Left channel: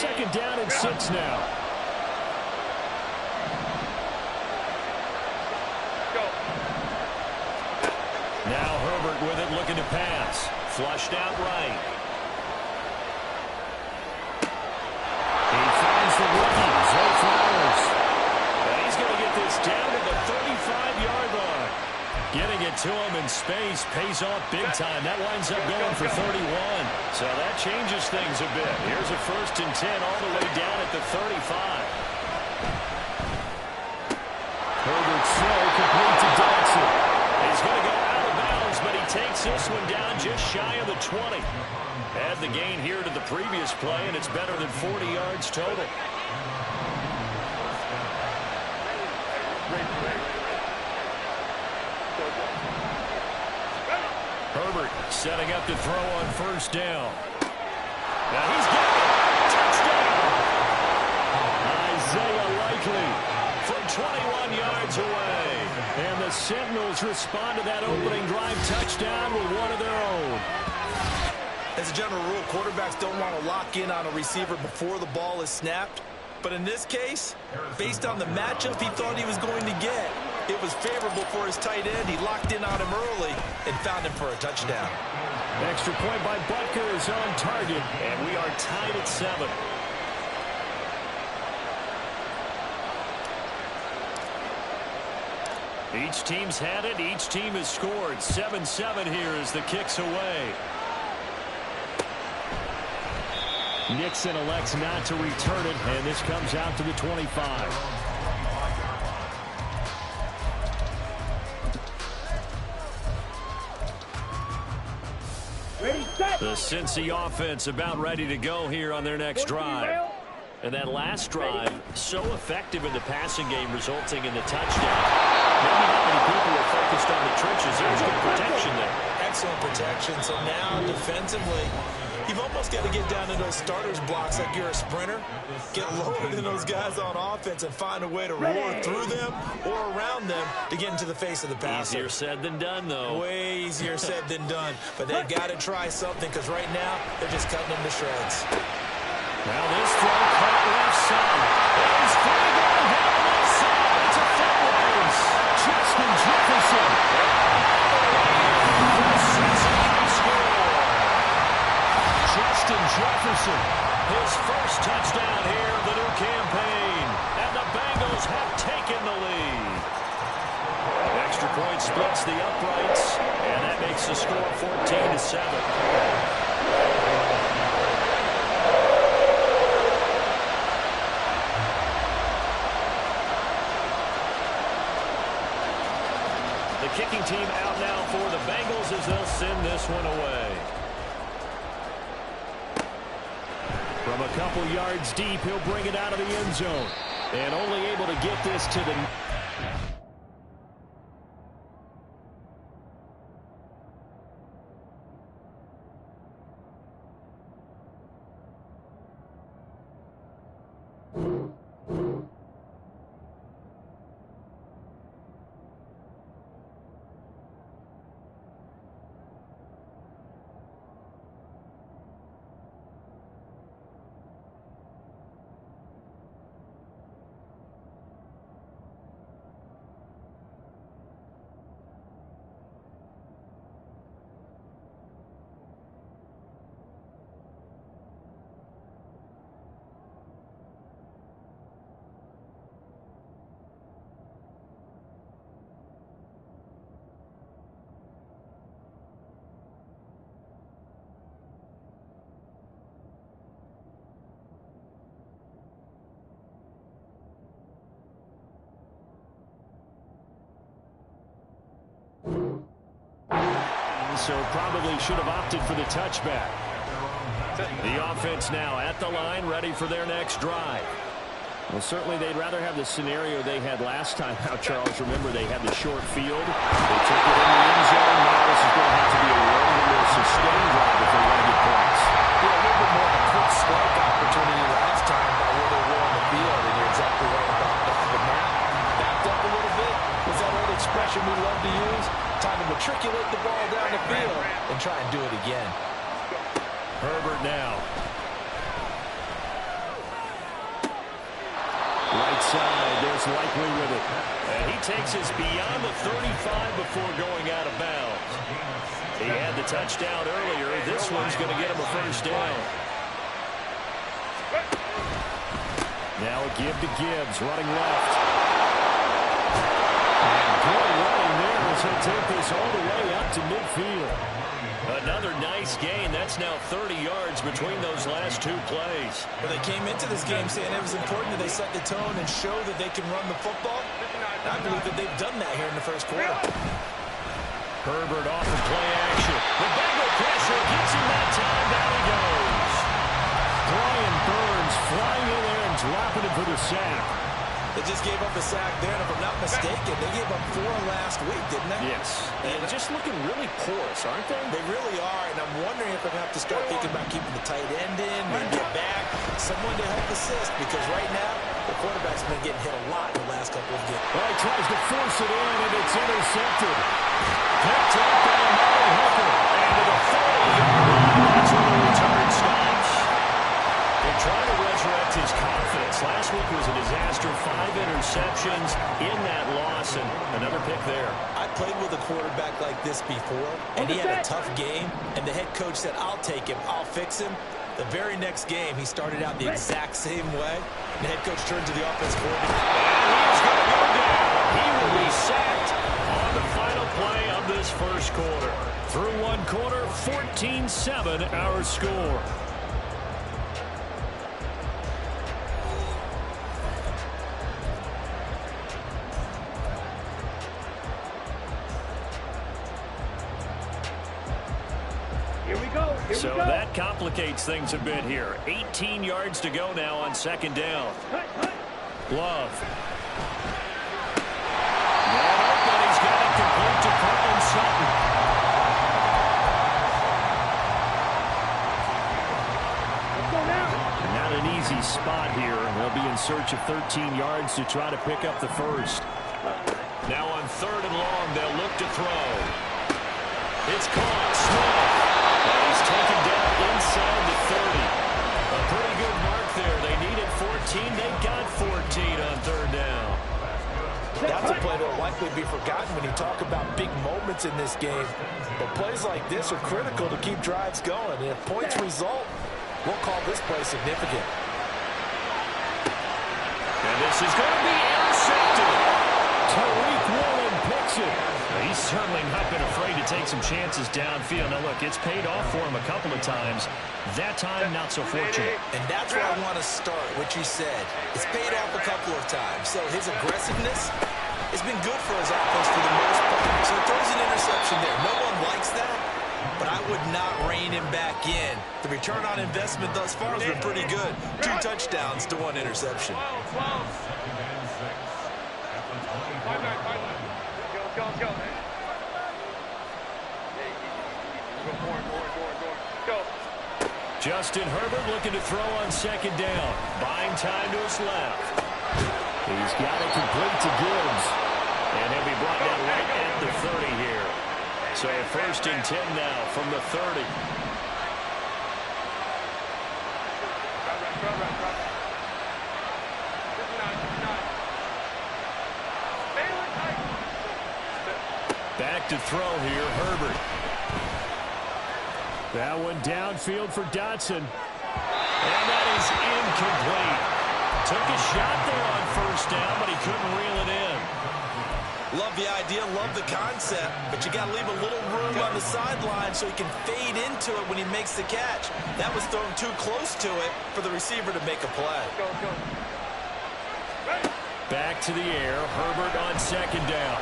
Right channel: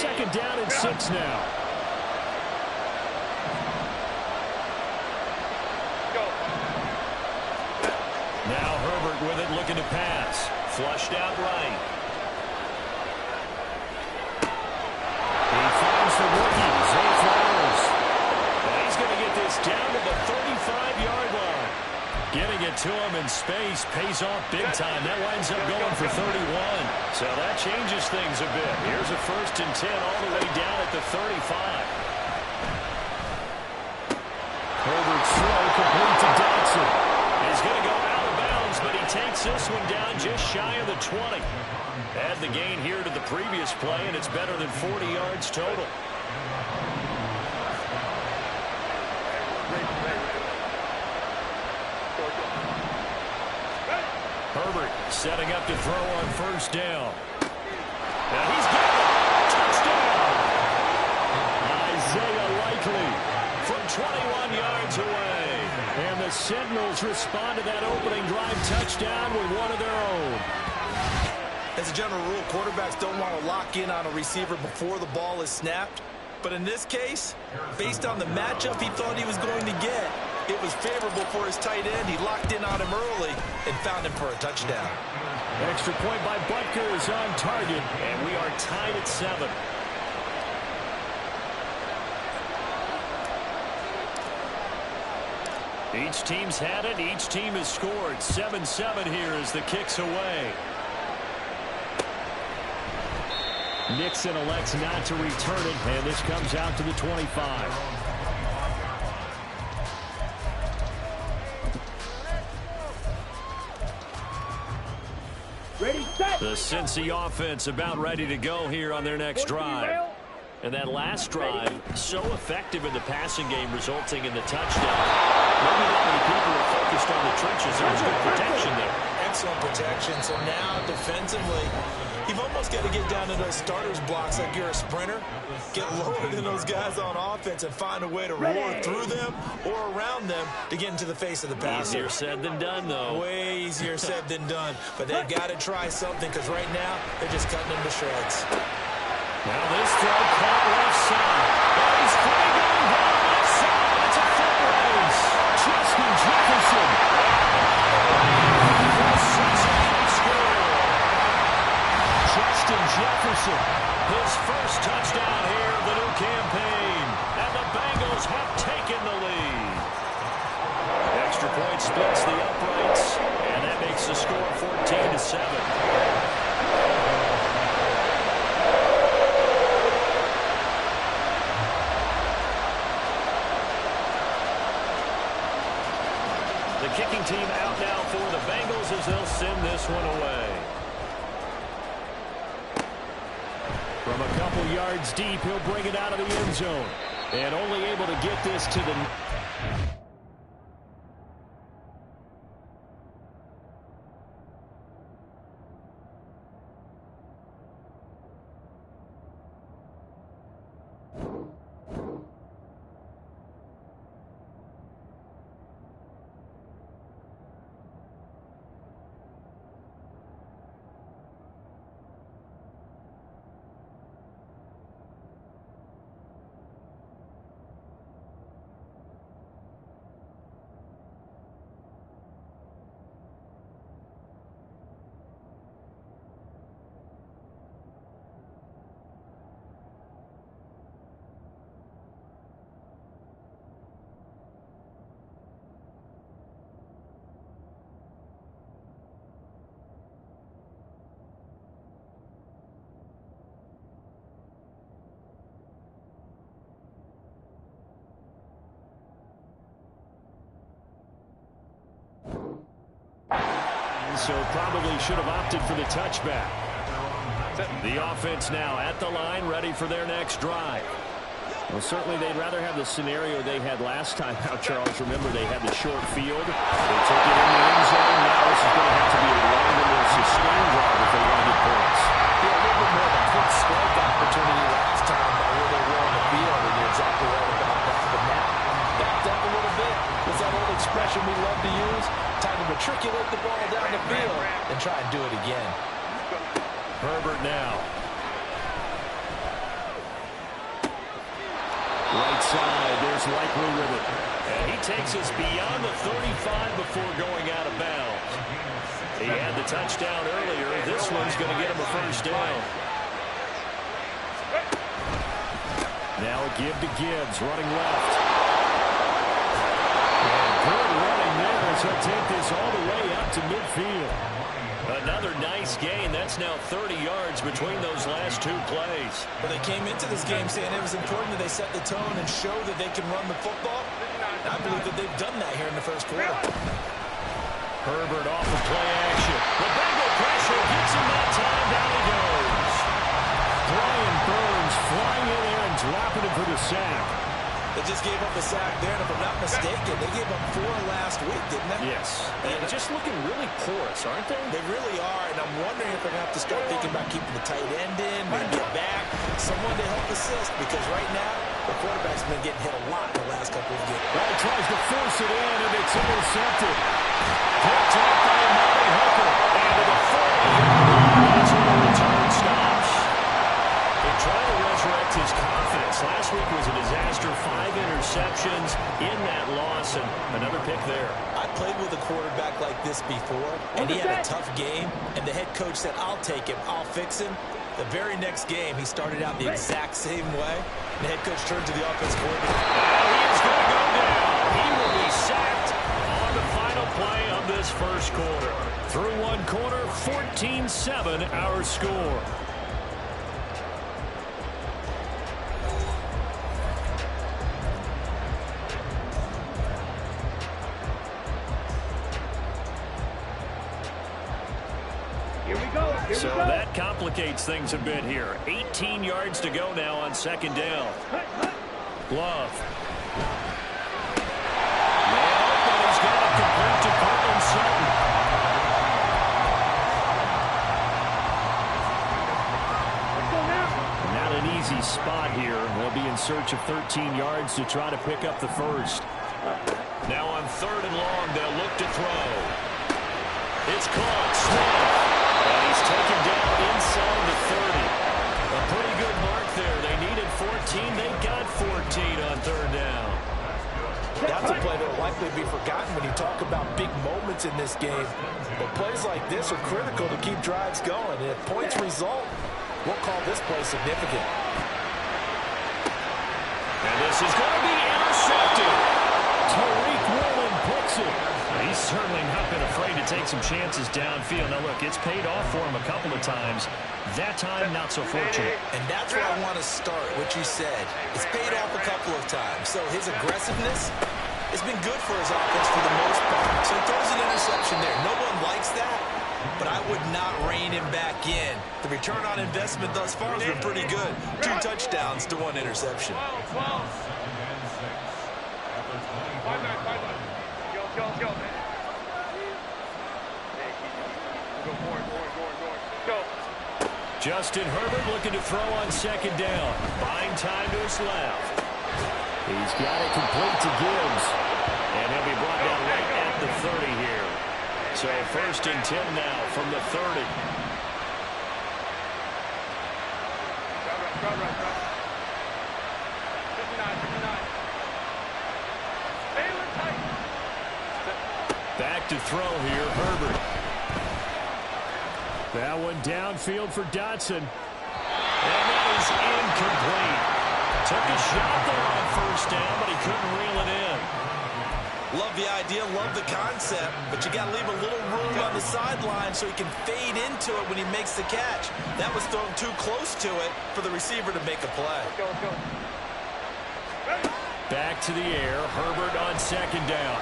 Second down and 6 now. Now Herbert with it, looking to pass. Flushed out right. He finds the rookie, Zay Flowers. And he's going to get this down to the 35-yard line. Getting it to him in space pays off big time. That winds up going for 31. So that changes things a bit. Here's a 1st and 10 all the way down at the 35. Herbert's throw complete to Dodson. He's going to go out of bounds, but he takes this one down just shy of the 20. Add the gain here to the previous play, and it's better than 40 yards total. Herbert setting up to throw on 1st down. Now he's got it. Touchdown. Isaiah Likely from 21 yards away. And the Sentinels respond to that opening drive touchdown with one of their own. As a general rule, quarterbacks don't want to lock in on a receiver before the ball is snapped. But in this case, based on the matchup he thought he was going to get, it was favorable for his tight end. He locked in on him early and found him for a touchdown. Extra point by Butker is on target, and we are tied at 7. Each team's had it. Each team has scored. 7-7 here as the kick's away. Nixon elects not to return it, and this comes out to the 25. Ready, set. The Cincy offense about ready to go here on their next drive. And that last drive, so effective in the passing game, resulting in the touchdown. Maybe not many people are focused on the trenches. There was good protection there. Excellent protection. So now, defensively, you've almost got to get down to those starters blocks like you're a sprinter. Get lower than those guys on offense and find a way to roar through them or around them to get into the face of the passer. Easier said than done, though. Way easier said than done. But they've got to try something because right now, they're just cutting them to shreds. Now this throw caught left side. Oh, he's free going down the left side. It's a foot race. Justin Jefferson. For Cincinnati score. Justin Jefferson. His first touchdown here of the new campaign. And the Bengals have taken the lead. Extra point splits the uprights. And that makes the score 14-7. The kicking team out now for the Bengals as they'll send this one away. From a couple yards deep, he'll bring it out of the end zone. And only able to get this to the... So probably should have opted for the touchback. The offense now at the line, ready for their next drive. Well, certainly they'd rather have the scenario they had last time out, Charles. Remember, they had the short field. They took it in the end zone. Now this is going to have to be a longer, more sustained drive if they want to get points. Yeah, a little bit more of a quick strike opportunity last time by where they were on the field, and you're exactly right about that. But now, backed up a little bit. Was that old expression we love to use? Time to matriculate the ball down the field and try and do it again. Herbert now. Right side, there's Likely with it. And he takes us beyond the 35 before going out of bounds. He had the touchdown earlier. This one's going to get him a first down. Now a give to Gibbs, running left. And good running there as he'll take this all the way up to midfield. Another nice gain. That's now 30 yards between those last two plays. Well, they came into this game saying it was important that they set the tone and show that they can run the football. And I believe that they've done that here in the first quarter. Herbert off of play action. The Bengal pressure gets him that time. Down he goes. Brian Burns flying in there and dropping it for the sack. They just gave up a sack there, and if I'm not mistaken, they gave up 4 last week, didn't they? Yes. And just looking really porous, aren't they? They really are, and I'm wondering if they're going to have to start thinking about keeping the tight end in, maybe a back, someone to help assist, because right now, the quarterback's been getting hit a lot in the last couple of games. Well, he tries to force it in, and it's intercepted. Picked up by Amari Hooker. And to the 40-yard line, that's where the return stops. They're trying to resurrect his confidence. Last week was a disaster. 5 interceptions in that loss, and another pick there. I played with a quarterback like this before, and he had a tough game, and the head coach said, I'll take him, I'll fix him. The very next game, he started out the exact same way. The head coach turned to the offense coordinator. And he is going to go down. He will be sacked on the final play of this first quarter. Through one quarter, 14-7 our score. So that complicates things a bit here. 18 yards to go now on second down. Love. Man open. He's got it complete to Cortland Sutton. Not an easy spot here. They'll be in search of 13 yards to try to pick up the first. Now on 3rd and long, they'll look to throw. It's caught. Smith. And he's taken down inside the 30. A pretty good mark there. They needed 14. They got 14 on 3rd down. That's a play that will likely be forgotten when you talk about big moments in this game. But plays like this are critical to keep drives going. And if points result, we'll call this play significant. And this is going to be intercepted. Tariq Woolen picks it. He's certainly not been afraid to take some chances downfield. Now, look, it's paid off for him a couple of times. That time, not so fortunate. And that's where I want to start, what you said. It's paid off a couple of times. So his aggressiveness has been good for his offense for the most part. So he throws an interception there. No one likes that, but I would not rein him back in. The return on investment thus far has been pretty good. 2 touchdowns to 1 interception. 5-9. Go, man. Hey, go forward. Go. Justin Herbert looking to throw on second down. Buying time to his left. He's got it complete to Gibbs. And he'll be brought down right at the 30 here. So 1st and 10 now from the 30. Crowd right. 59. Baylor tight. Back to throw here, Herbert. That one downfield for Dotson. And that is incomplete. Took a shot there on 1st down, but he couldn't reel it in. Love the idea, love the concept, but you got to leave a little room on the sideline so he can fade into it when he makes the catch. That was thrown too close to it for the receiver to make a play. Let's go. Back to the air, Herbert on second down.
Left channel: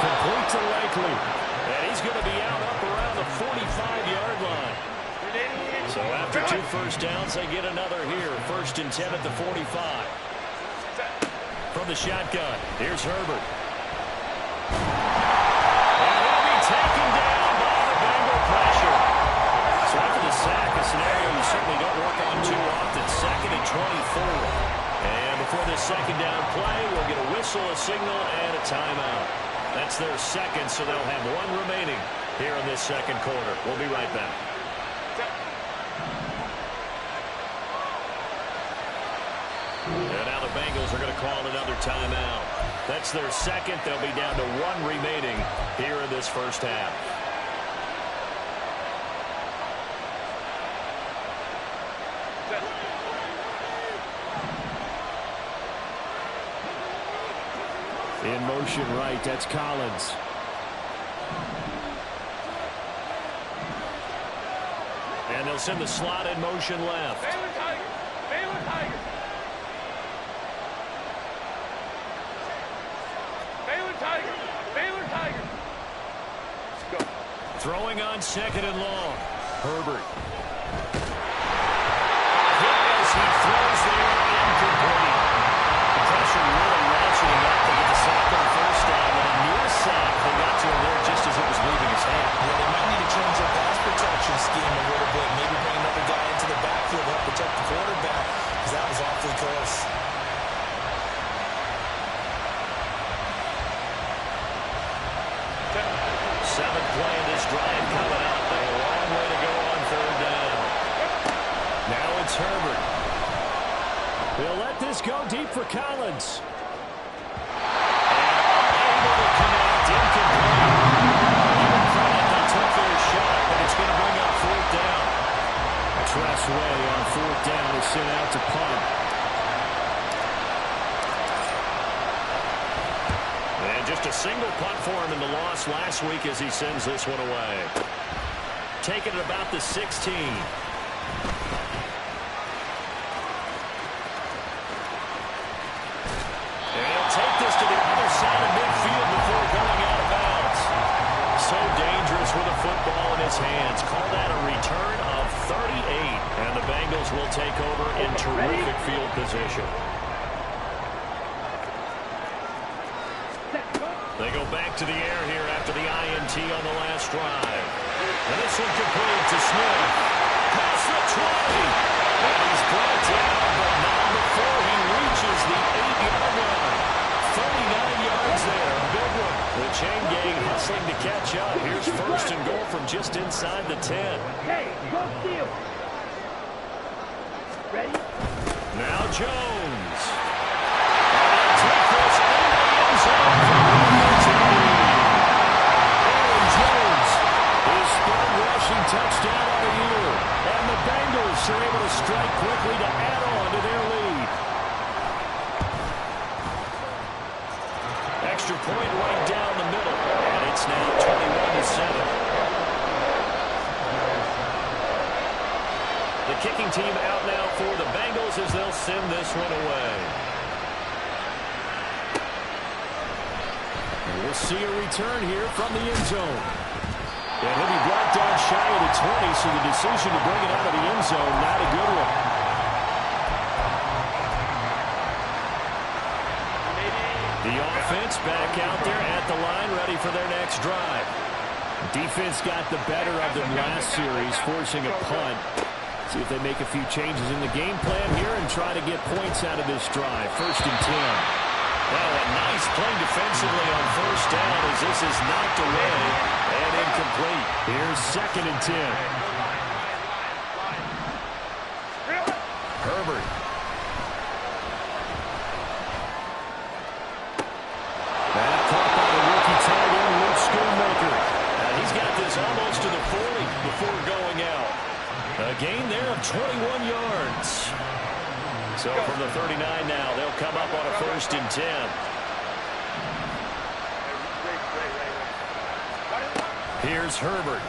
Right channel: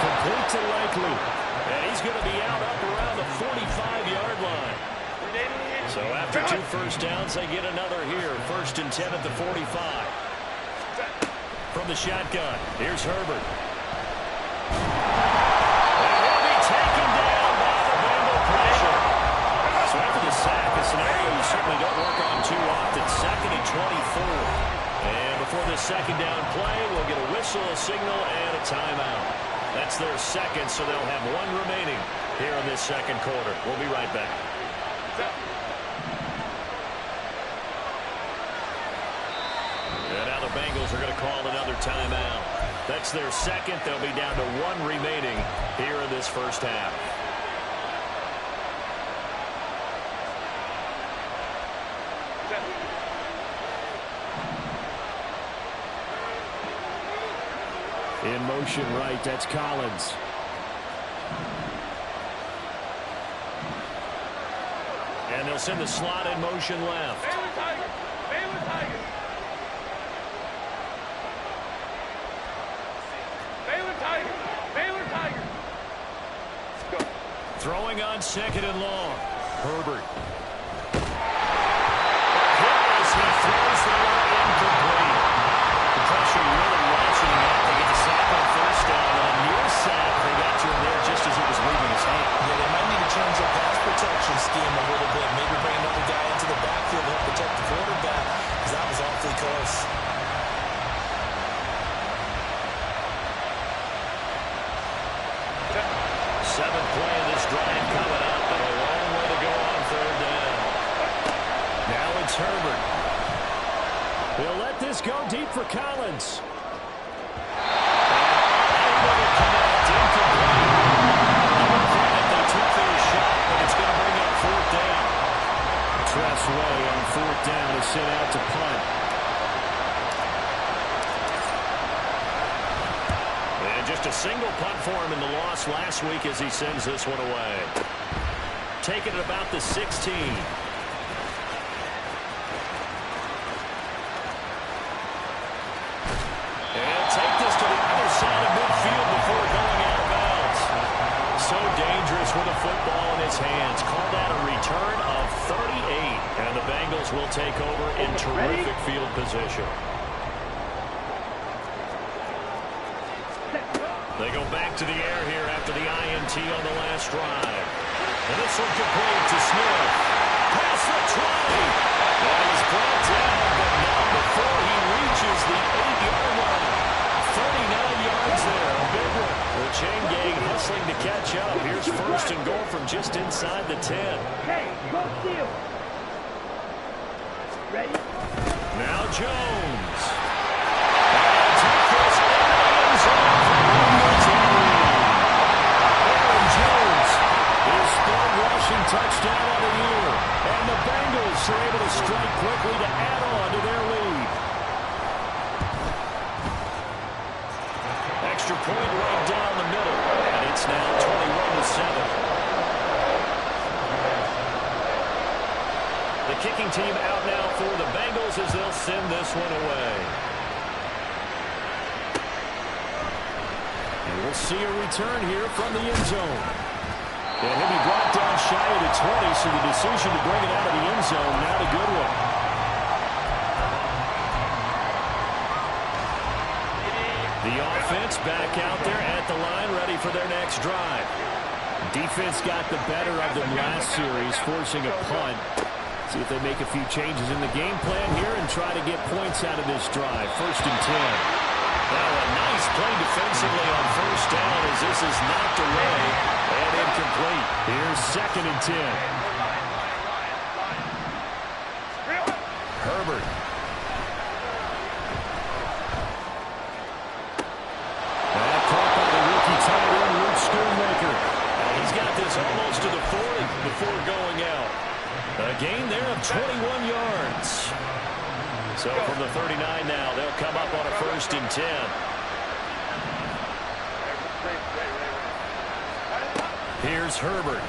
Complete to Likely. And he's going to be out up around the 45-yard line. So after 2 first downs, they get another here. 1st and 10 at the 45. From the shotgun, here's Herbert. And he'll be taken down by the Bengal pressure. So after the sack, a scenario you certainly don't work on too often. 2nd and 24. And before this second down play, we'll get a whistle, a signal, and a timeout. That's their second, so they'll have 1 remaining here in this second quarter. We'll be right back. Bengals are going to call another timeout. That's their second. They'll be down to 1 remaining here in this first half. In motion right, that's Collins. And they'll send the slot in motion left. Baylor Tigers! Baylor Tigers! Baylor Tigers! Baylor Tigers! Go. Throwing on second and long. Herbert. Hit as he throws there, incomplete. The pressure really ratcheting up. They get the sack on first down, and a near sack. They got to him there just as it was leaving his hand. Yeah, they might need to change their pass protection scheme a little bit. Maybe bring another guy into the backfield to help protect the quarterback, because that was awfully close. Seventh play of this drive coming up, but a long way to go on third down. Now it's Herbert. He'll let this go deep for Collins. And unable to connect, incomplete. Give them credit, they took their shot, but it's going to bring up fourth down. Tressway on fourth down is sent out to punt. And just a single punt for him in the loss last week as he sends this one away. Taking it about the 16. And he'll take this to the other side of midfield before going out of bounds. So dangerous with a football in his hands. Call that a return of 38. And the Bengals will take over in terrific field position. They go back to the air here after the INT on the last drive. And this one complete to Smith. Past the 20. And he's brought down, but not before he reaches the 8-yard line. 39 yards there, a big one. The chain gang hustling to catch up. Here's first and goal from just inside the 10. Hey, go steal. Ready? Now Jones. And he'll take this into the end zone for Aaron Jones, his third rushing touchdown of the year. And the Bengals are able to strike quickly to add on to their lead. Extra point right down the middle. And it's now 21-7. The kicking team out now for the Bengals as they'll send this one away. And we'll see a return here from the end zone. And he'll be brought down shy of the 20, so the decision to bring it out of the end zone, not a good one. The offense back out there at the line, ready for their next drive. Defense got the better of them last series, forcing a punt. See if they make a few changes in the game plan here and try to get points out of this drive. First and 10. Well, a nice play defensively on first down as this is knocked away and incomplete. Here's second and 10. Herbert. That caught by the rookie tight end, Luke Schoonmaker. He's got this almost to the 40 before going out. A gain there of 21 yards. So from the 39 now, they'll come up on a first and 10. Here's Herbert.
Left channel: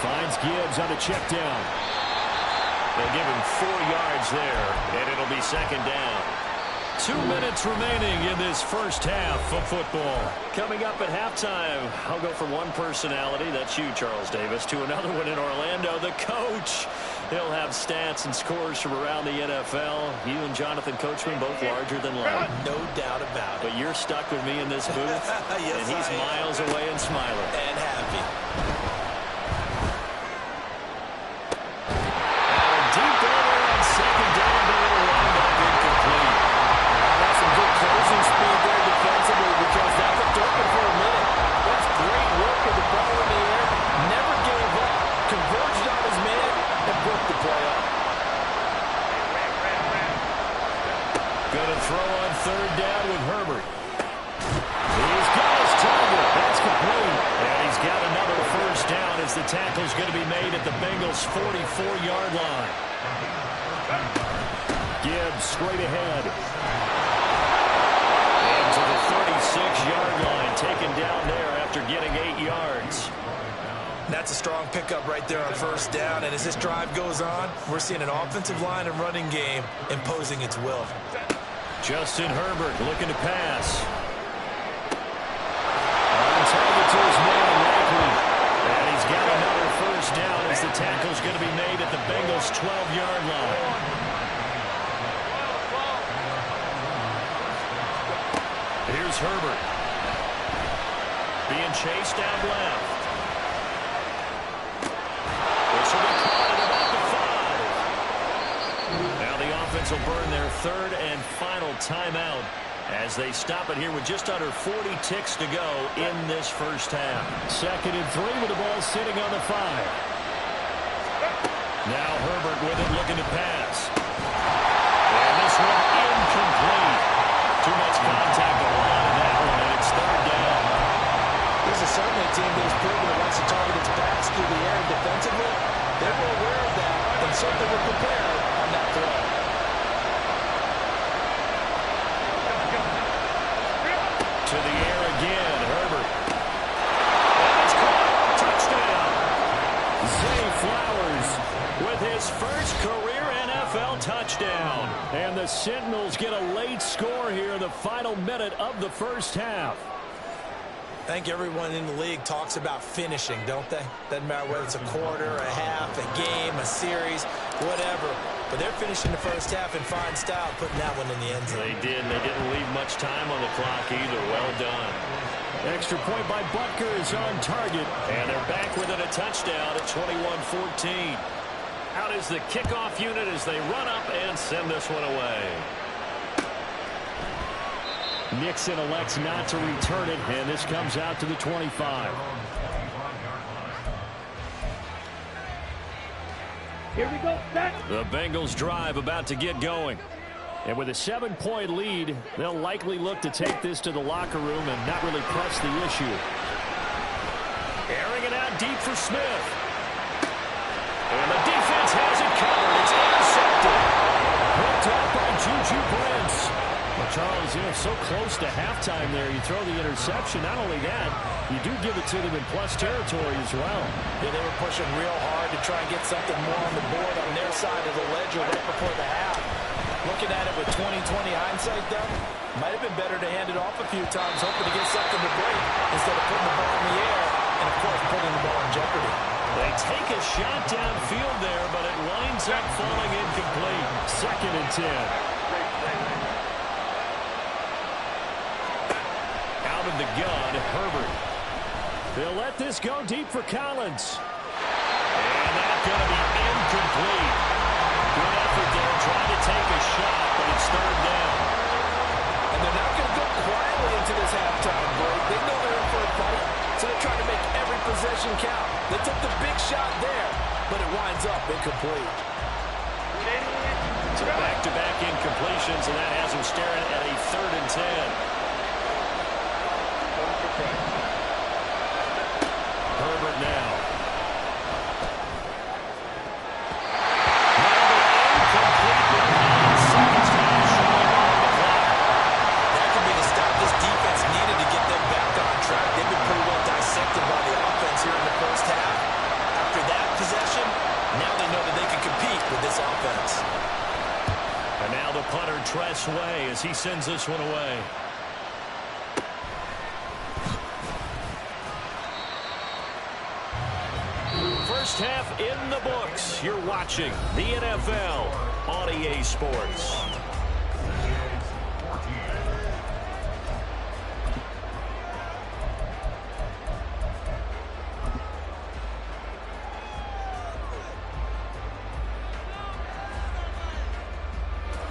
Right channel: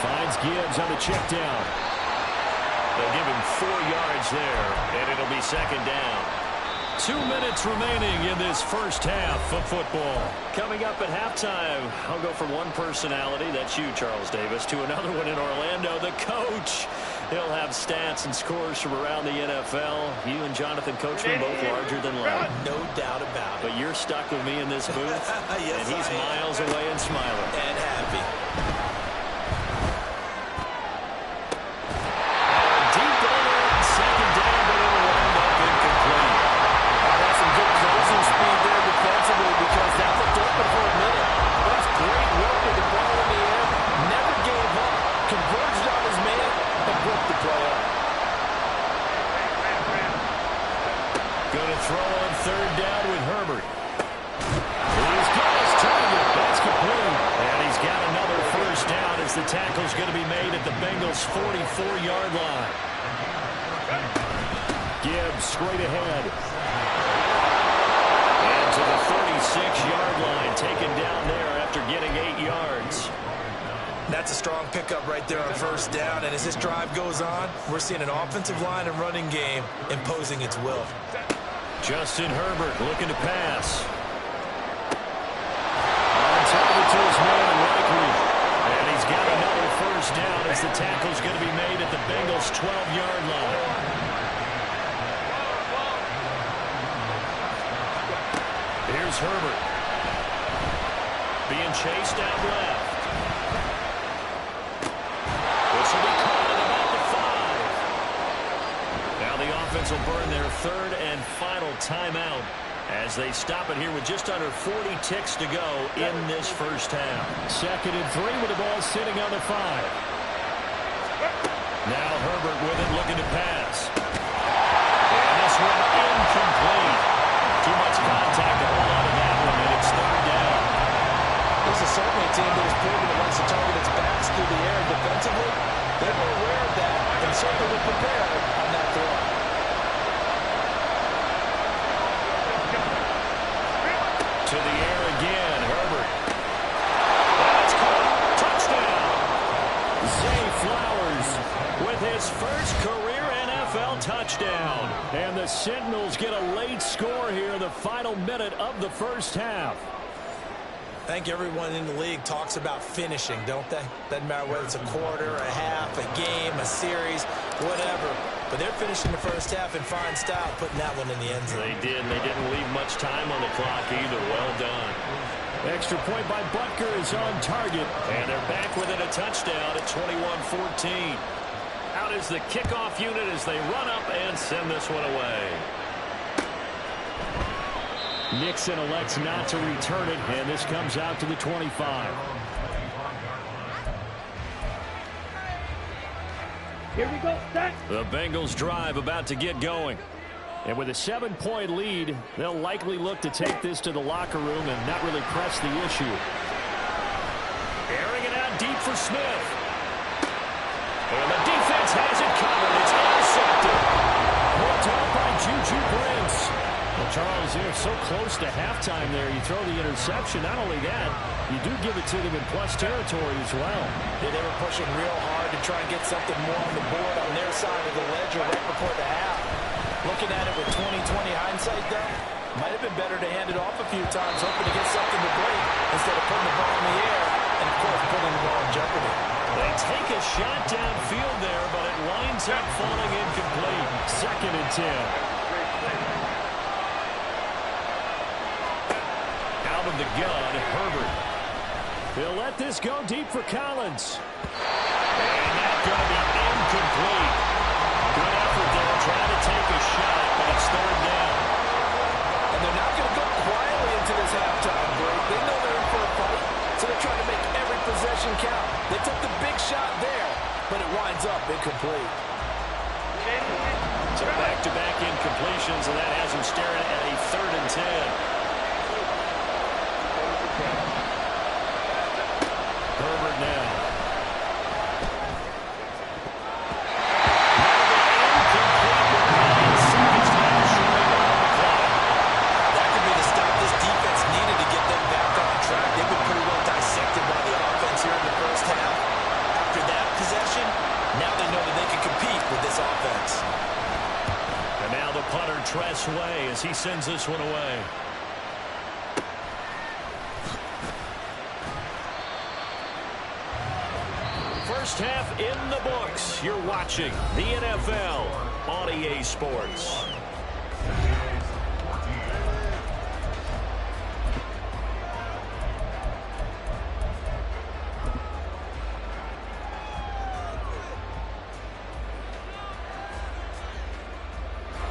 Finds Gibbs on a check down. They'll give him 4 yards there, and it'll be second down. 2 minutes remaining in this first half of football. Coming up at halftime, I'll go from one personality, that's you, Charles Davis, to another one in Orlando, the coach. He'll have stats and scores from around the NFL. You and Jonathan Coachman both larger than life. No doubt about it. But you're stuck with me in this booth, yes, and he's miles away and smiling. And happy. Deep over on second down, but it'll wind up incomplete. That's some good closing speed there defensively because that looked open for a minute. That's great work with the ball in the air. Never gave up. Converged on his man and broke the play up. third down with Herbert. He's got his target. That's complete. And he's got another first down as the tackle's going to be made at the Bengals' 44-yard line. Gibbs straight ahead. And to the 36-yard line, taken down there after getting 8 yards. That's a strong pickup right there on first down. And as this drive goes on, we're seeing an offensive line and running game imposing its will. Justin Herbert looking to pass. On target to his man, likely. And he's got another first down as the tackle's going to be made at the Bengals' 12-yard line. Here's Herbert. Being chased down left. This will be caught at about the 5. Now the offense will burn their third and final timeout as they stop it here with just under 40 ticks to go in this first half. 2nd and 3 with the ball sitting on the 5. Now Herbert with it looking to pass. And this one incomplete. Too much contact to hold on to that one, and it's third down. This is certainly a team that has proven that wants to target its backs through the air and defensively. They were aware of that and certainly were prepared on that throw. To the air again, Herbert. That's caught. Touchdown. Zay Flowers with his first career NFL touchdown. And the Sentinels get a late score here in the final minute of the first half. I think everyone in the league talks about finishing, don't they? Doesn't matter whether it's a quarter, a half, a game, a series, whatever. But they're finishing the first half in fine style, putting that one in the end zone. They did, and they didn't leave much time on the clock either. Well done. Extra point by Butker is on target, and they're back within a touchdown at 21-14. Out is the kickoff unit as they run up and send this one away. Nixon elects not to return it, and this comes out to the 25. Here we go. Set. The Bengals drive about to get going. And with a 7-point lead, they'll likely look to take this to the locker room and not really press the issue. Airing it out deep for Smith. And the defense has it covered. It's intercepted. Picked up by Juju Brents. Well, Charles, you're so close to halftime there. You throw the interception. Not only that, you do give it to them in plus territory as well. Yeah, they were pushing real hard to try and get something more on the board on their side of the ledger right before the half. Looking at it with 20/20 hindsight, though, might have been better to hand it off a few times, hoping to get something to break instead of putting the ball in the air and, of course, putting the ball in jeopardy. They take a shot downfield there, but it winds up falling incomplete. 2nd and 10. Out of the gun, Herbert. They'll let this go deep for Collins. And that's going to be incomplete. Good effort there, trying to take a shot, but it's third down. And they're not going to go quietly into this halftime break. They know they're in for a fight, so they're trying to make every possession count. They took the big shot there, but it winds up incomplete. So back-to-back incompletions, and that has them staring at a 3rd and 10. Herbert now. Now the incomplete with 9 seconds now showing on the clock. That could be the stop this defense needed to get them back on track. They've been pretty well dissected by the offense here in the first half. After that possession, now they know that they can compete with this offense. And now the punter, Tress Way, as he sends this one away. First half in the books. You're watching the NFL on EA Sports.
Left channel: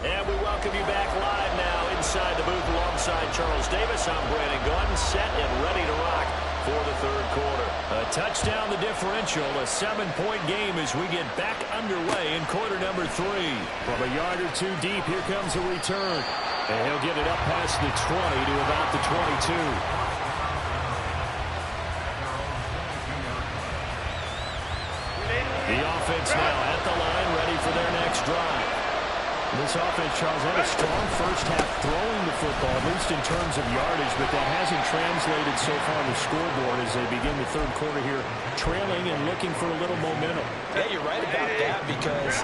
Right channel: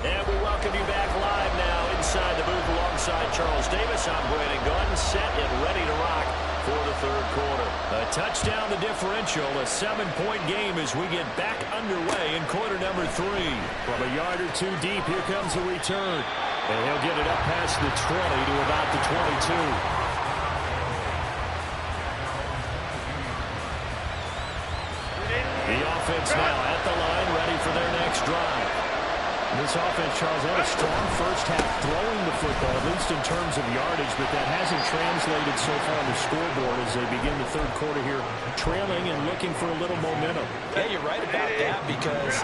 And we welcome you back live now inside the booth alongside Charles Davis. I'm Brandon Gordon, set and ready to rock for the third quarter. A touchdown the differential, a 7-point game as we get back underway in quarter number 3. From a yard or two deep, here comes a return. And he'll get it up past the 20 to about the 22. The offense now at the line, ready for their next drive. This offense, Charles, had a strong first half throwing the football, at least in terms of yardage, but that hasn't translated so far on the scoreboard as they begin the third quarter here, trailing and looking for a little momentum. Yeah, you're right about that because,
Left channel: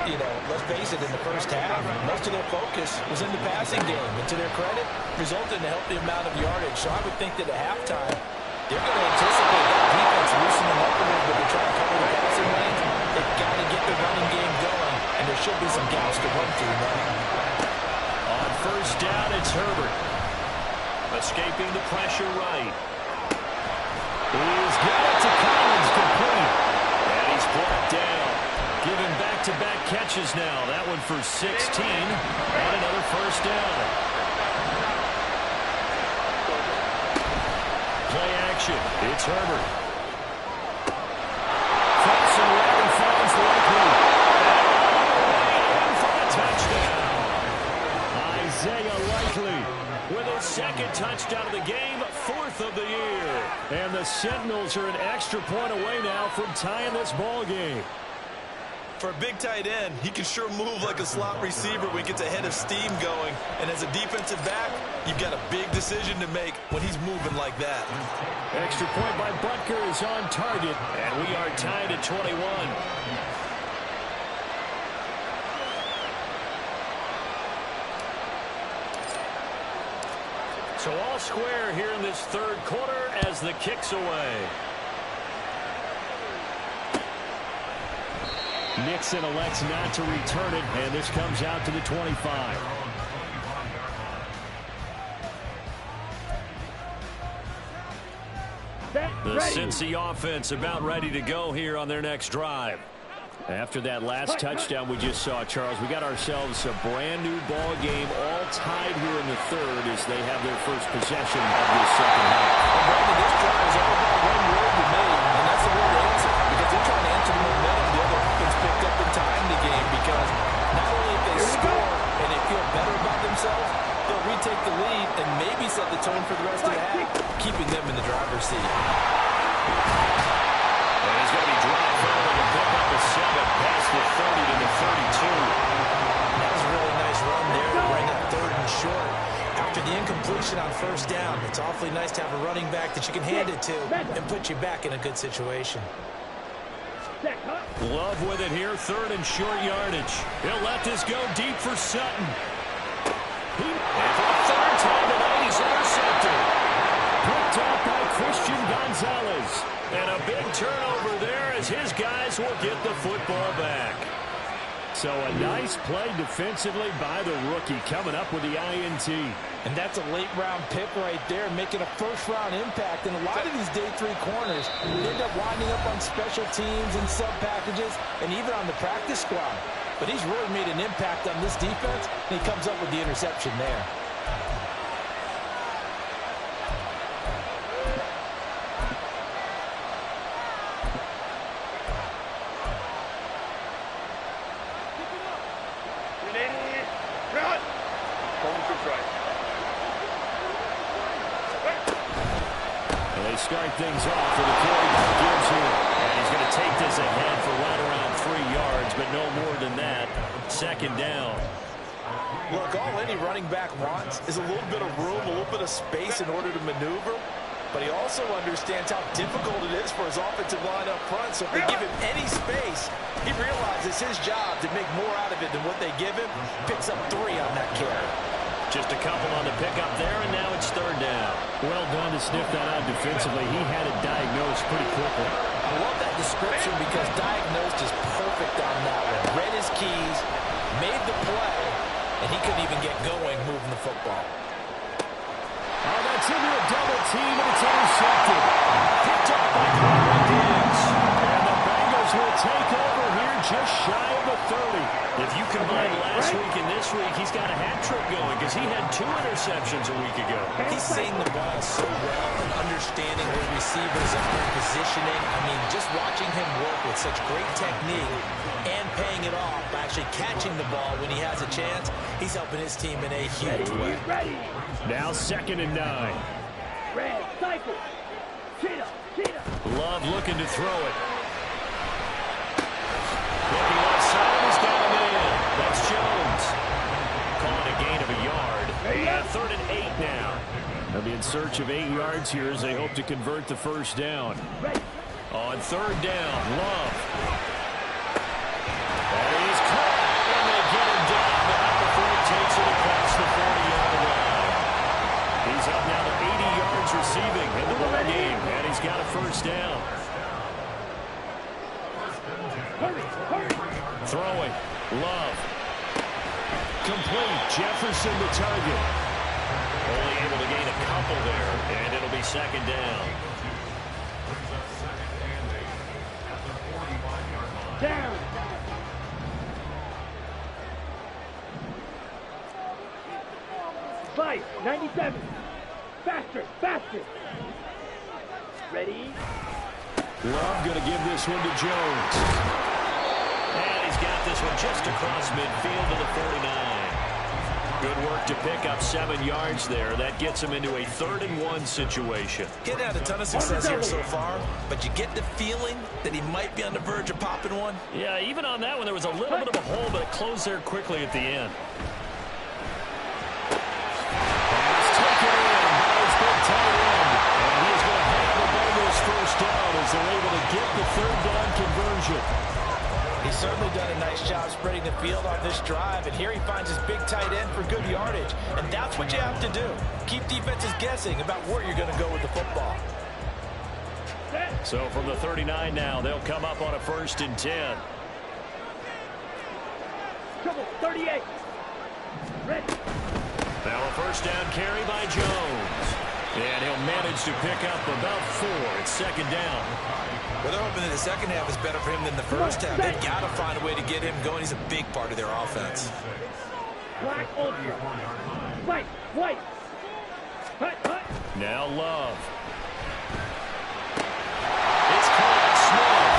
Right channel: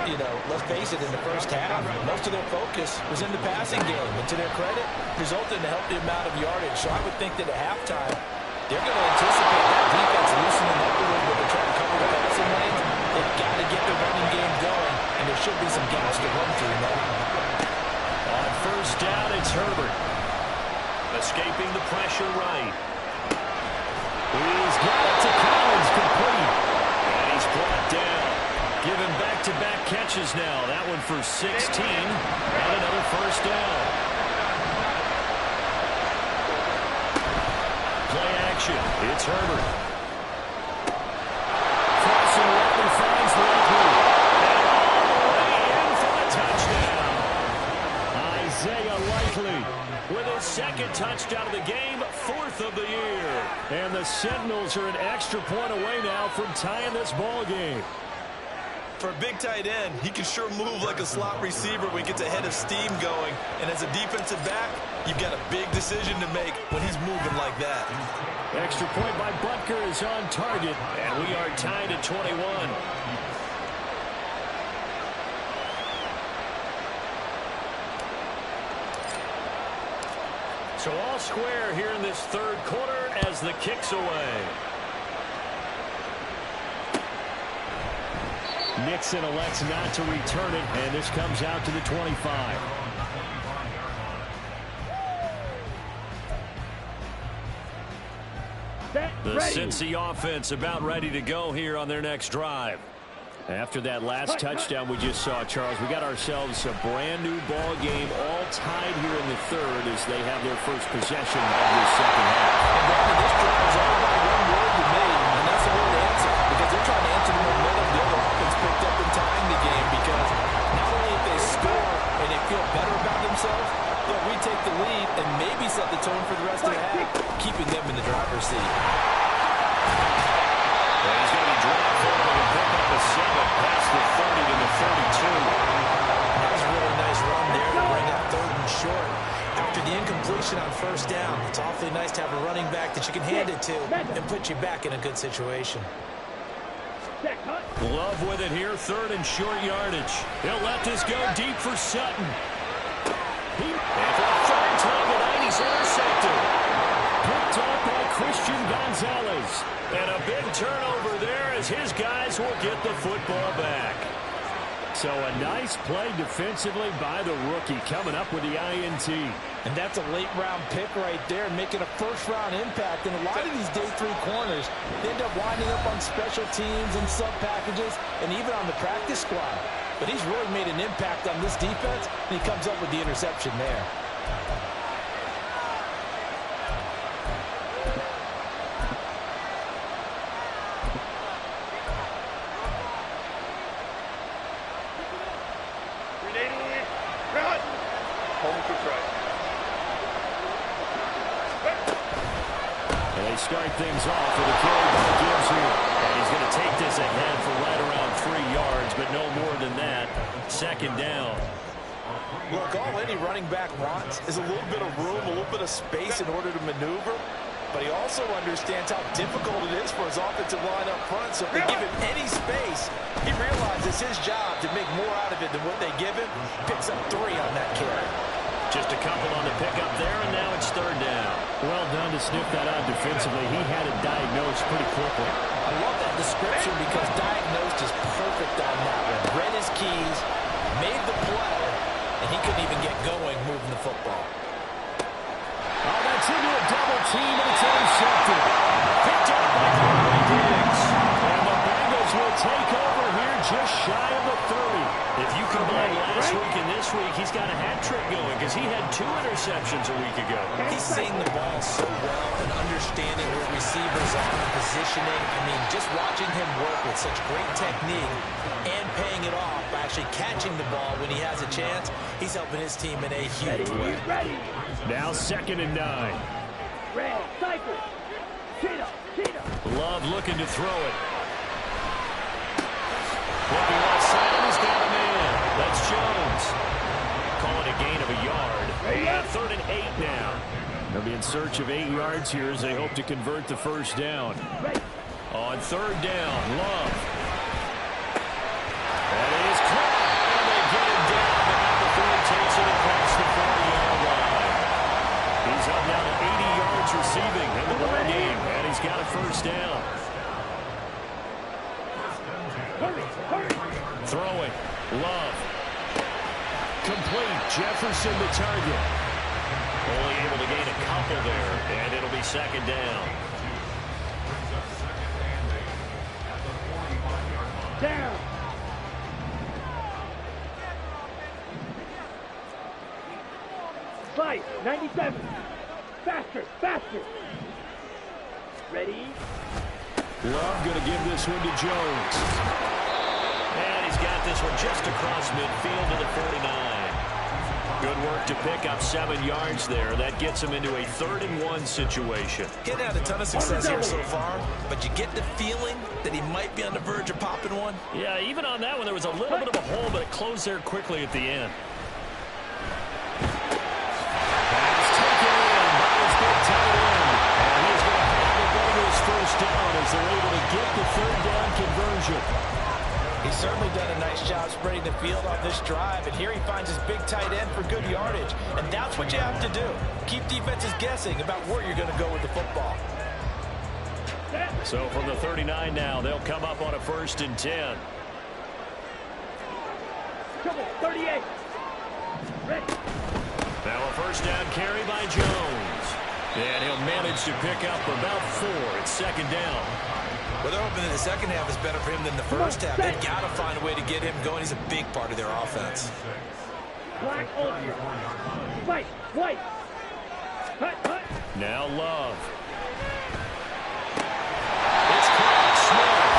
let's face it, in the first half, most of their focus was in the passing game. And to their credit, resulted in a healthy amount of yardage. So I would think that at halftime, they're going to anticipate that defense loosening up a little bit to try to cover the passing lanes. They've got to get the running game going, and there should be some gaps to run through now. On first down, it's Herbert. Escaping the pressure right. He's got it to Collins, complete. And he's brought down. Given back-to-back catches now. That one for 16, and another first down. Play action. It's Herbert. Crossing route, he finds Likely. And all the way in for the touchdown. Isaiah Likely with his second touchdown of the game, fourth of the year. And the Sentinels are an extra point away now from tying this ball game. For a big tight end, he can sure move like a slot receiver when he gets a head of steam going. And as a defensive back, you've got a big decision to make when he's moving like that. Extra point by Butker is on target, and we are tied at 21. So all square here in this third quarter as the kick's away. Nixon elects not to return it, and this comes out to the 25. The Cincy offense about ready to go here on their next drive. After that last touchdown we just saw, Charles, we got ourselves a brand new ball game, all tied here in the third as they have their first possession of this second half. And Brandon, this drive is all about one word to me, and that's the word answer, because they're trying to answer the momentum the other offense picked up in tying the game, because not only if they score and they feel better about themselves, they'll retake the lead and maybe set the tone for the rest of the half, keeping them in the driver's seat. And he's going to be dropped forward and pick up a 7 past the 30 to the 32. That was a really nice run there to bring up third and short. After the incompletion on first down, it's awfully nice to have a running back that you can hand it to and put you back in a good situation. Love with it here, third and short yardage. He'll let this go deep for Sutton. And for a third time tonight, he's intercepted. Picked up by Christian Gonzalez. And a big turnover there as his guys will get the football back. So a nice play defensively by the rookie coming up with the INT. And that's a late-round pick right there, making a first-round impact. And a lot of these day three corners end up winding up on special teams and sub-packages and even on the practice squad. But he's really made an impact on this defense, and he comes up with the interception there. They start things off with a carry by Gibbs here. And he's going to take this ahead for right around 3 yards, but no more than that. Second down. Look, all any running back wants is a little bit of room, a little bit of space in order to maneuver. But he also understands how difficult it is for his offensive line up front. So if they give him any space, he realizes his job to make more out of it than what they give him. Picks up 3 on that carry. Just a couple on the pickup there, and now it's third down. Well done to sniff that out defensively. He had it diagnosed pretty quickly. I love that description because diagnosed is perfect on that one. Read his keys, made the play, and he couldn't even get going moving the football. Oh, that's into a double team, and it's intercepted. Picked up by Conway Diggs. And the Bengals will take over here just shy of the 30. If you combine last week and this week, he's got a hat trick going because he had 2 interceptions a week ago. He's seeing the ball so well and understanding where receivers are and positioning. I mean, just watching him work with such great technique and paying it off by actually catching the ball when he has a chance, he's helping his team in a huge way. Ready. Now 2nd and 9. Red, cycle. Cheetah, cheetah. Love looking to throw it. Looking left side, and he's got a man. That's Jones. Calling a gain of a yard. And 3rd and 8 now. They'll be in search of 8 yards here as they hope to convert the first down. On 3rd down, Love. That is caught, and they get him down, but not before he takes it across the 40-yard line. He's up now to 80 yards receiving in the ball game, and he's got a first down. Throwing, Love. Complete, Jefferson the target. Only able to gain a couple there, and it'll be 2nd down. Down. Vice, 97. Faster, faster. Ready. Love going to give this one to Jones. And he's got this one just across midfield to the 49. Good work to pick up 7 yards there. That gets him into a 3rd and 1 situation. Getting had a ton of success here so far, but you get the feeling that he might be on the verge of popping one. Yeah, even on that one, there was a little bit of a hole, but it closed there quickly at the end. Pass taken in by his big tight end. And he is going to have the Bengals first down as they're able to get the 3rd down conversion. He's certainly done a nice job spreading the field on this drive, and here he finds his big tight end for good yardage. And that's what you have to do. Keep defenses guessing about where you're going to go with the football. So from the 39 now, they'll come up on a 1st and 10. Trouble, 38. Ready. Now a first down carry by Jones. And he'll manage to pick up about 4. It's 2nd down. Well, they're hoping that the second half is better for him than the first half. They've got to find a way to get him going. He's a big part of their offense. Black ultra. White. Hut. Now Love. It's caught. Smith.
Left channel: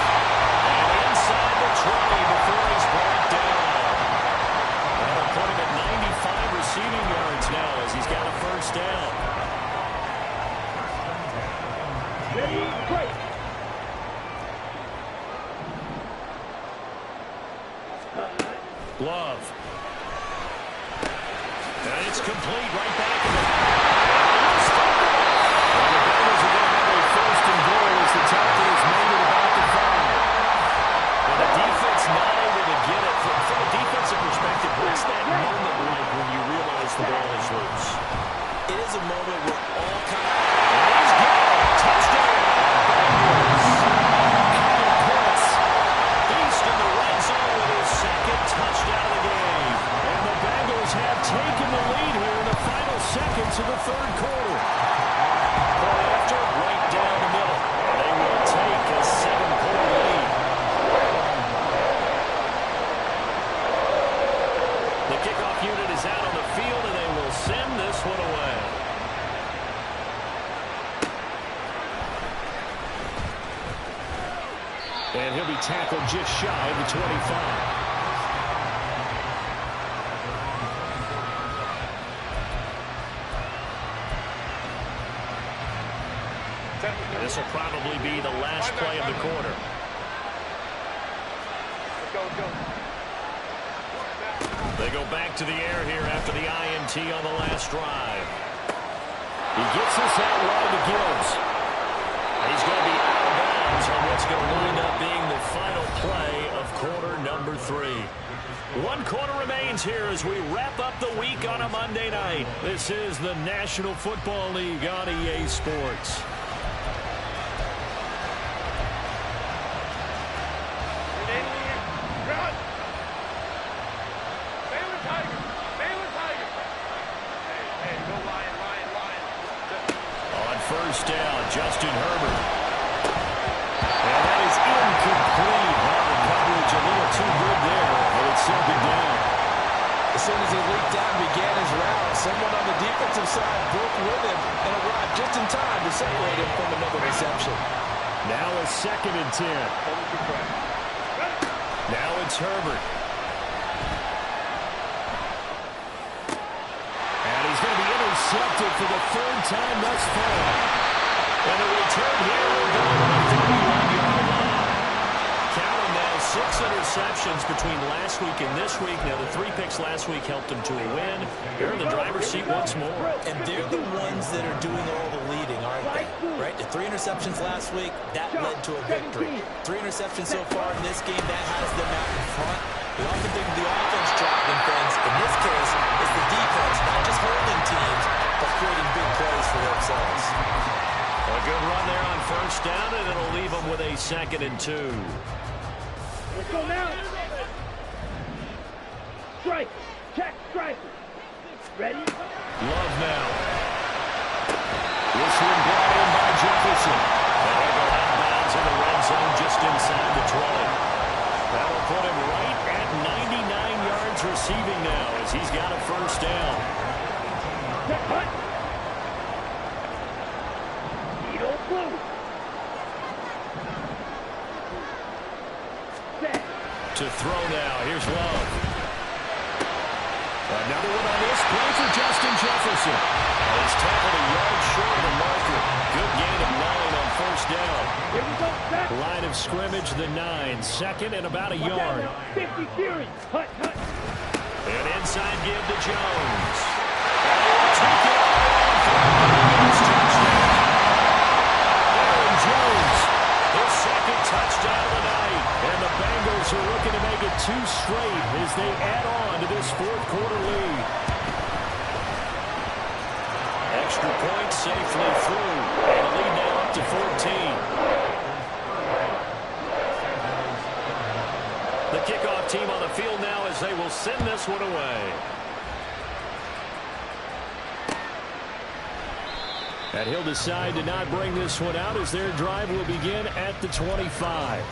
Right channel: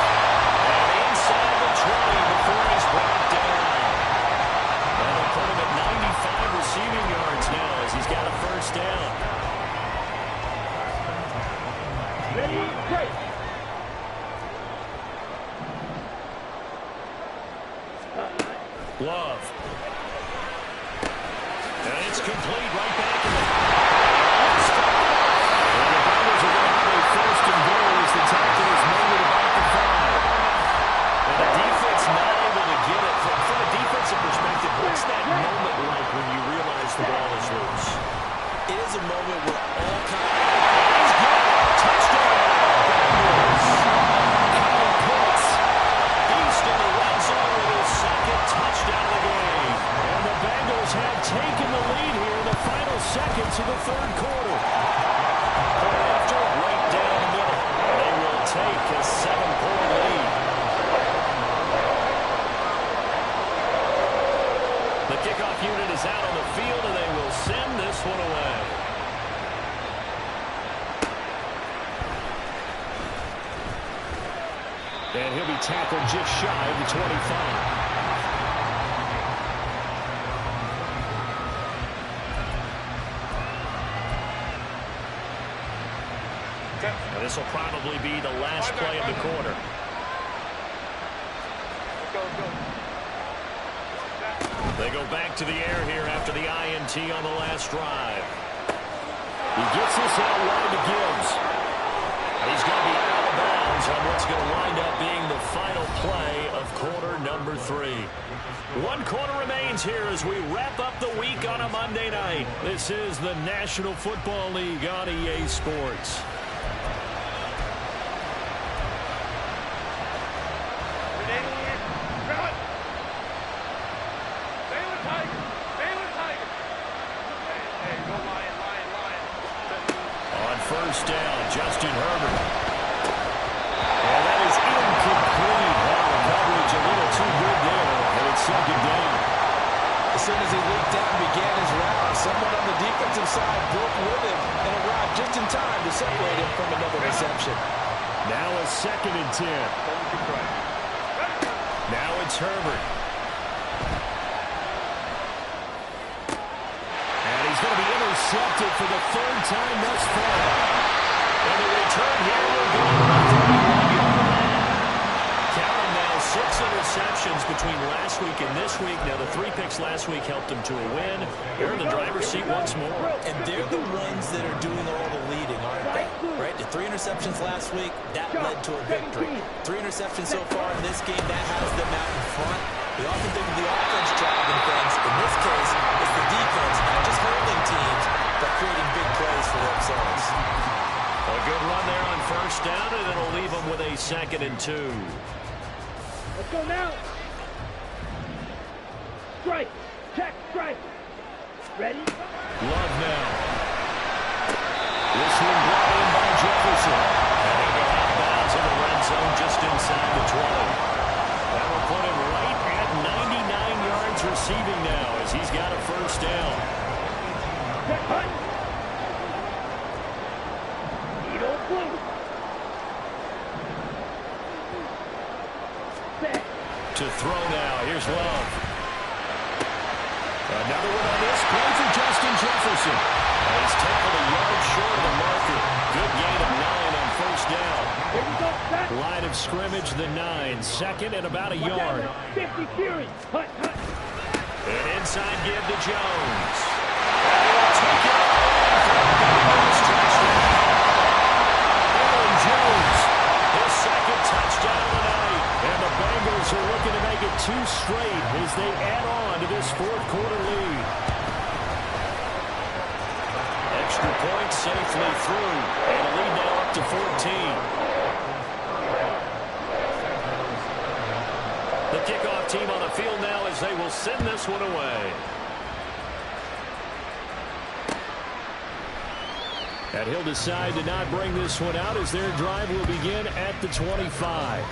And inside the 20 before he's brought down. That'll put him at 95 receiving yards now as he's got a first down. Ready, break. Love. And it's complete right back in the... Well, the Bengals are going to have a 1st and goal as the tackle is made at about the 5. And the defense not able to get it. From a defensive perspective, what's that moment like when you realize the ball is loose? It is a moment where all kinds... And he's got it. Touchdown, Bengals. Kyle Pitts. Beast in the red zone with his 2nd touchdown of the game. And the Bengals have taken the lead here in the final seconds of the 3rd quarter. Point after, right down the middle. They will take a 7-point lead. The kickoff unit is out on the field, and they will send this one away. And he'll be tackled just shy of the 25. And this will probably be the last play of the quarter. Let's go. They go back to the air here after the INT on the last drive. He gets this out wide to Gibbs. He's going to be out of bounds on what's going to wind up being the final play of quarter number 3. 1 quarter remains here as we wrap up the week on a Monday night. This is the National Football League on EA Sports. First down, Justin Herbert. And that is incomplete. Well, the coverage a little too good there, and it's second down. As soon as he leaked out and began his route, someone on the defensive side broke with him and arrived just in time to separate him from another reception. Now a 2nd and 10. Now it's Herbert. And he's going to be intercepted for the 3rd time thus far. And the return here will go to the 31-yard line. Count them now, 6 interceptions between last week and this week. Now, the 3 picks last week helped them to a win. They're in the driver's seat once more. And they're the ones that are doing all the leading, aren't they? Right? The 3 interceptions last week, that led to a victory. 3 interceptions so far in this game, that has them out in front. We often think of the offense driving things. In this case, it's the defense, not just holding teams, but creating big plays for themselves. A good run there on 1st down, and it'll leave them with a 2nd and 2. Let's go now. Strike. Check. Strike. Ready? Love now. This one brought in by Jefferson. And he'll go out of bounds in the red zone just inside the 20. That'll put him right at 99 yards receiving now as he's got a 1st down. Check. Hut. Needle blue. Set. To throw now. Here's Love. Another one on this play for Justin Jefferson. He's tackled a yard short of the marker. Good gain of 9 on 1st down. Here we go. Set. Line of scrimmage, the 9. 2nd and about a yard. 50 Fury. Hut. An inside give to Jones. And he will take it all in for a Bengals touchdown. Aaron Jones, his 2nd touchdown of the night. And the Bengals are looking to make it 2 straight as they add on to this 4th quarter lead. Extra point safely through. And a lead now up to 14. The kickoff team on the field now as they will send this one away. And he'll decide to not bring this one out as their drive will begin at the 25.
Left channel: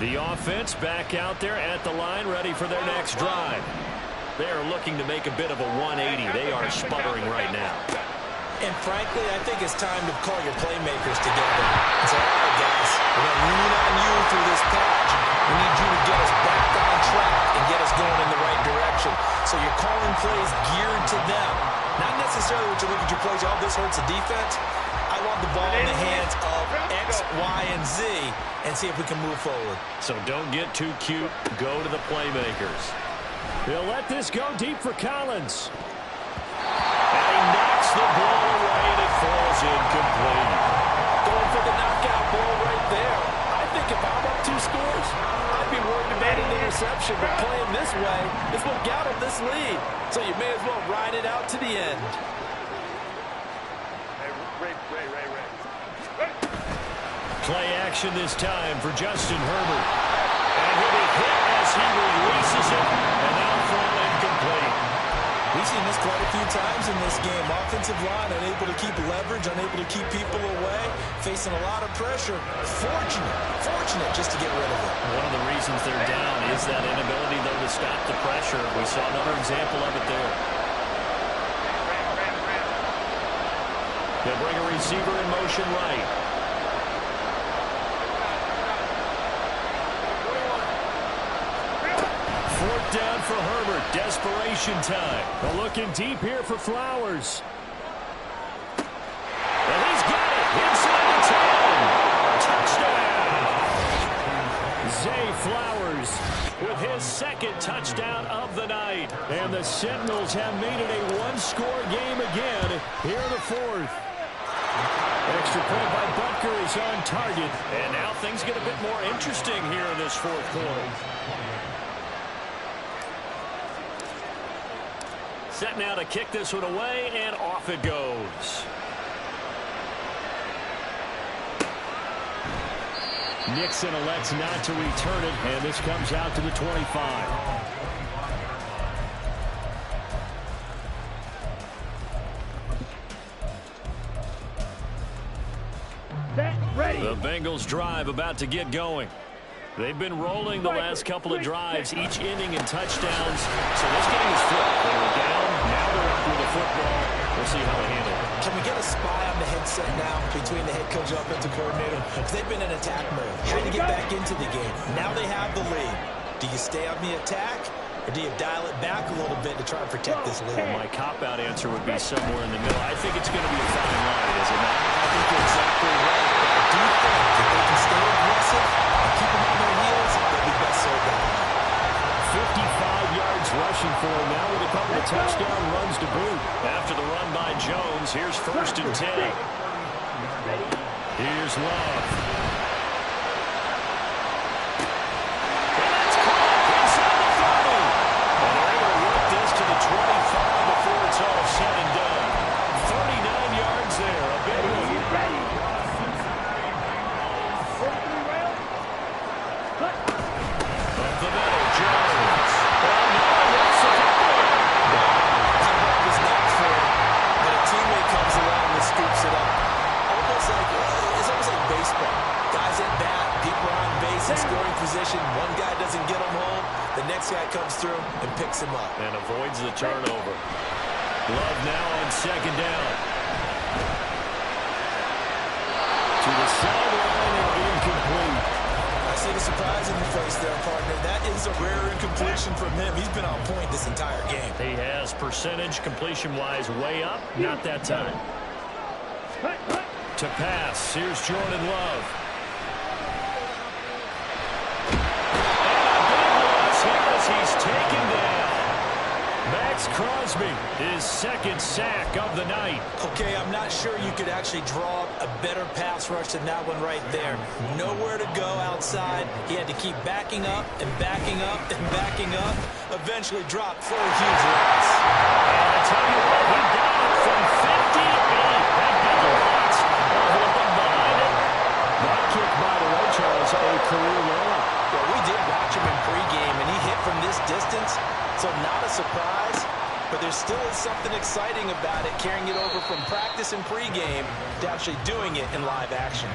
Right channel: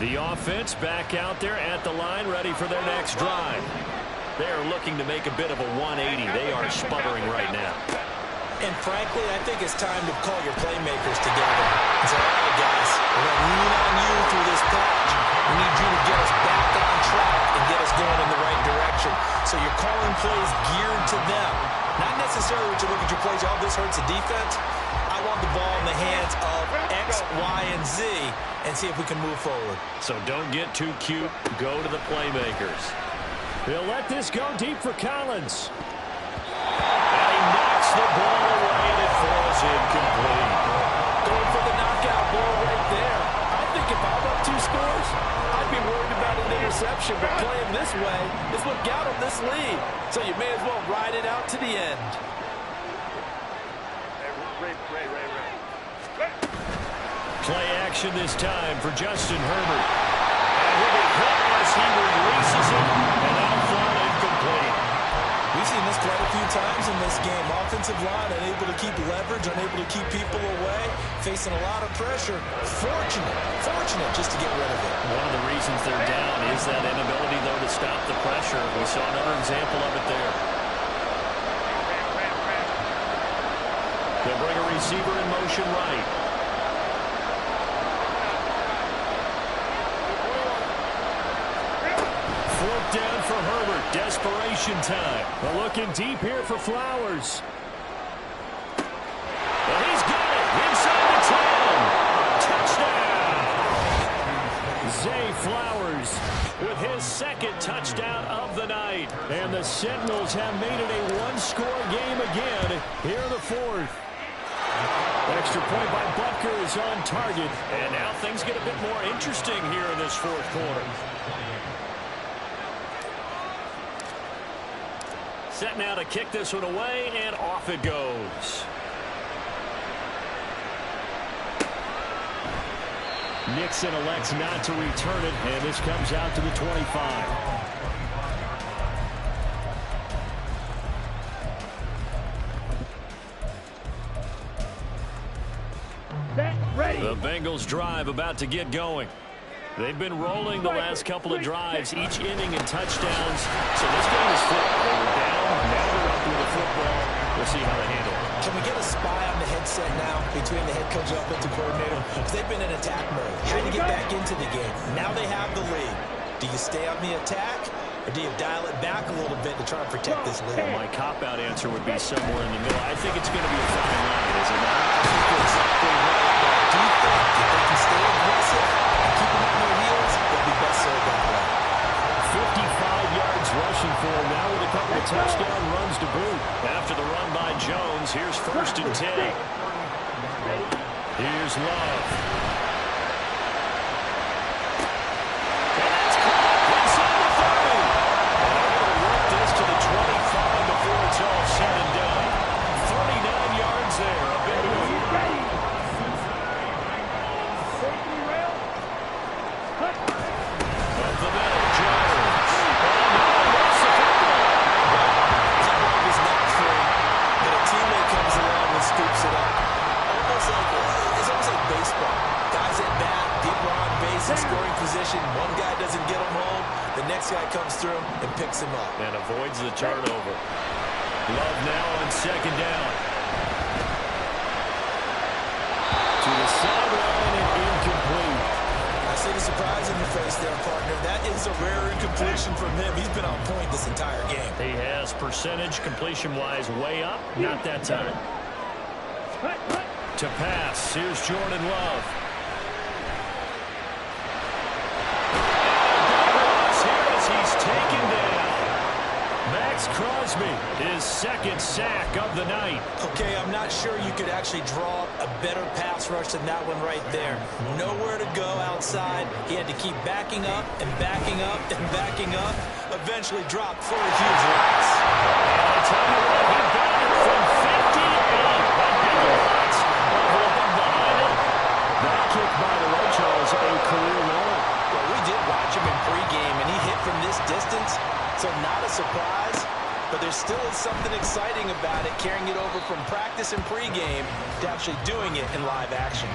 The offense back out there at the line, ready for their next drive. They are looking to make a bit of a 180. They are sputtering right now. And frankly, I think it's time to call your playmakers together and say, all right, guys, we're going to lean on you through this patch. We need you to get us back on track and get us going in the right direction. So you're calling plays geared to them. Not necessarily when you look at your plays, oh, this hurts the defense. I want the ball in the hands of X, Y, and Z and see if we can move forward. So don't get too cute. Go to the playmakers. They'll let this go deep for Collins. And he knocks the ball away, and it falls incomplete. Going for the knockout ball right there. I think if I'm up 2 scores, I'd be worried about an interception. But playing this way is what got him this lead. So you may as well ride it out to the end. Play action this time for Justin Herbert. And he'll be hit as he releases it, and that'll fall incomplete. We've seen this quite a few times in this game. Offensive line unable to keep leverage, unable to keep people away, facing a lot of pressure. Fortunate just to get rid of it. One of the reasons they're down is that inability, though, to stop the pressure. We saw another example of it there. They'll bring a receiver in motion right. 4th down for Herbert. Desperation time. But looking deep here for Flowers. And he's got it inside the 10. Touchdown. Zay Flowers with his 2nd touchdown of the night. And the Sentinels have made it a 1-score game again here in the 4th. Extra point by Butker is on target. And now things get a bit more interesting here in this 4th quarter. Set now to kick this one away, and off it goes. Nixon elects not to return it, and this comes out to the 25. The Bengals drive about to get going. They've been rolling the last couple of drives, each inning in touchdowns. So this game is flipped. They were down, now they're up with the football. We'll see how they handle it. Can we get a spy on the headset now between the head coach and offensive coordinator? Because they've been in attack mode. Had to get back into the game. Now they have the lead. Do you stay on the attack, or do you dial it back a little bit to try and protect this lead? Well, my cop-out answer would be somewhere in the middle. I think it's going to be a fine line, is it not? I think you're exactly right. But I do think if they can stay aggressive and keep them on their heels, they'll be best served that way. 55 yards rushing for him now with a couple of touchdown runs to boot. After the run by Jones, here's 1st and 10. Here's Love. And that's caught inside the 30. And they're able to work this to the 25 before it's all said and done. 39 yards there, a big one. Up the middle, Jones. Oh, no, that's a couple. That ball was not free, but a teammate comes along and scoops it up. It's almost like baseball. Guys at bat, people are on base in scoring position. One guy doesn't get him home. The next guy comes through and picks him up. And avoids the turnover. Love now on 2nd down. To the sideline and incomplete. I see the surprise in your face there, partner. That is a rare incompletion from him. He's been on point this entire game. He has percentage completion-wise way up. Not that time. To pass. Here's Jordan Love. And a big loss here as he's taken down. Max Crosby, his 2nd sack of the night. Okay, I'm not sure you could actually draw a better pass rush than that one right there. Nowhere to go outside. He had to keep backing up and backing up and backing up. Eventually dropped for a huge loss. And I tell you what, he got it from 58. That big loss of looking behind it. That kick, by the way, Charles, a career low. Well, we did watch him in pregame, and he hit from this distance. So not a surprise, but there still is something exciting about it, carrying it over from practice and pregame to actually doing it in live action.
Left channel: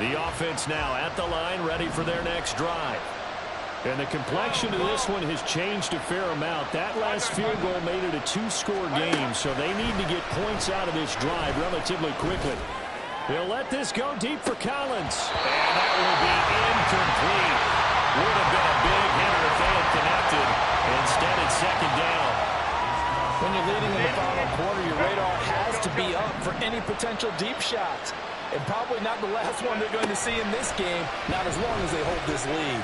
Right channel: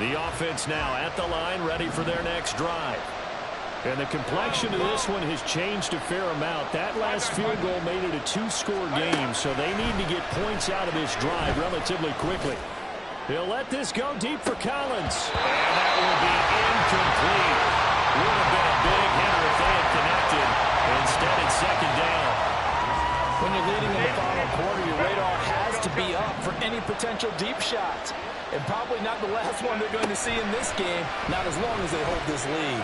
The offense now at the line, ready for their next drive. And the complexion of this one has changed a fair amount. That last field goal made it a 2-score game, so they need to get points out of this drive relatively quickly. He'll let this go deep for Collins. And that will be incomplete. Would have been a big hitter if they had connected. Instead, it's 2nd down. When you're leading in the final quarter, your radar has to be up for any potential deep shots. And probably not the last one they're going to see in this game, not as long as they hold this lead.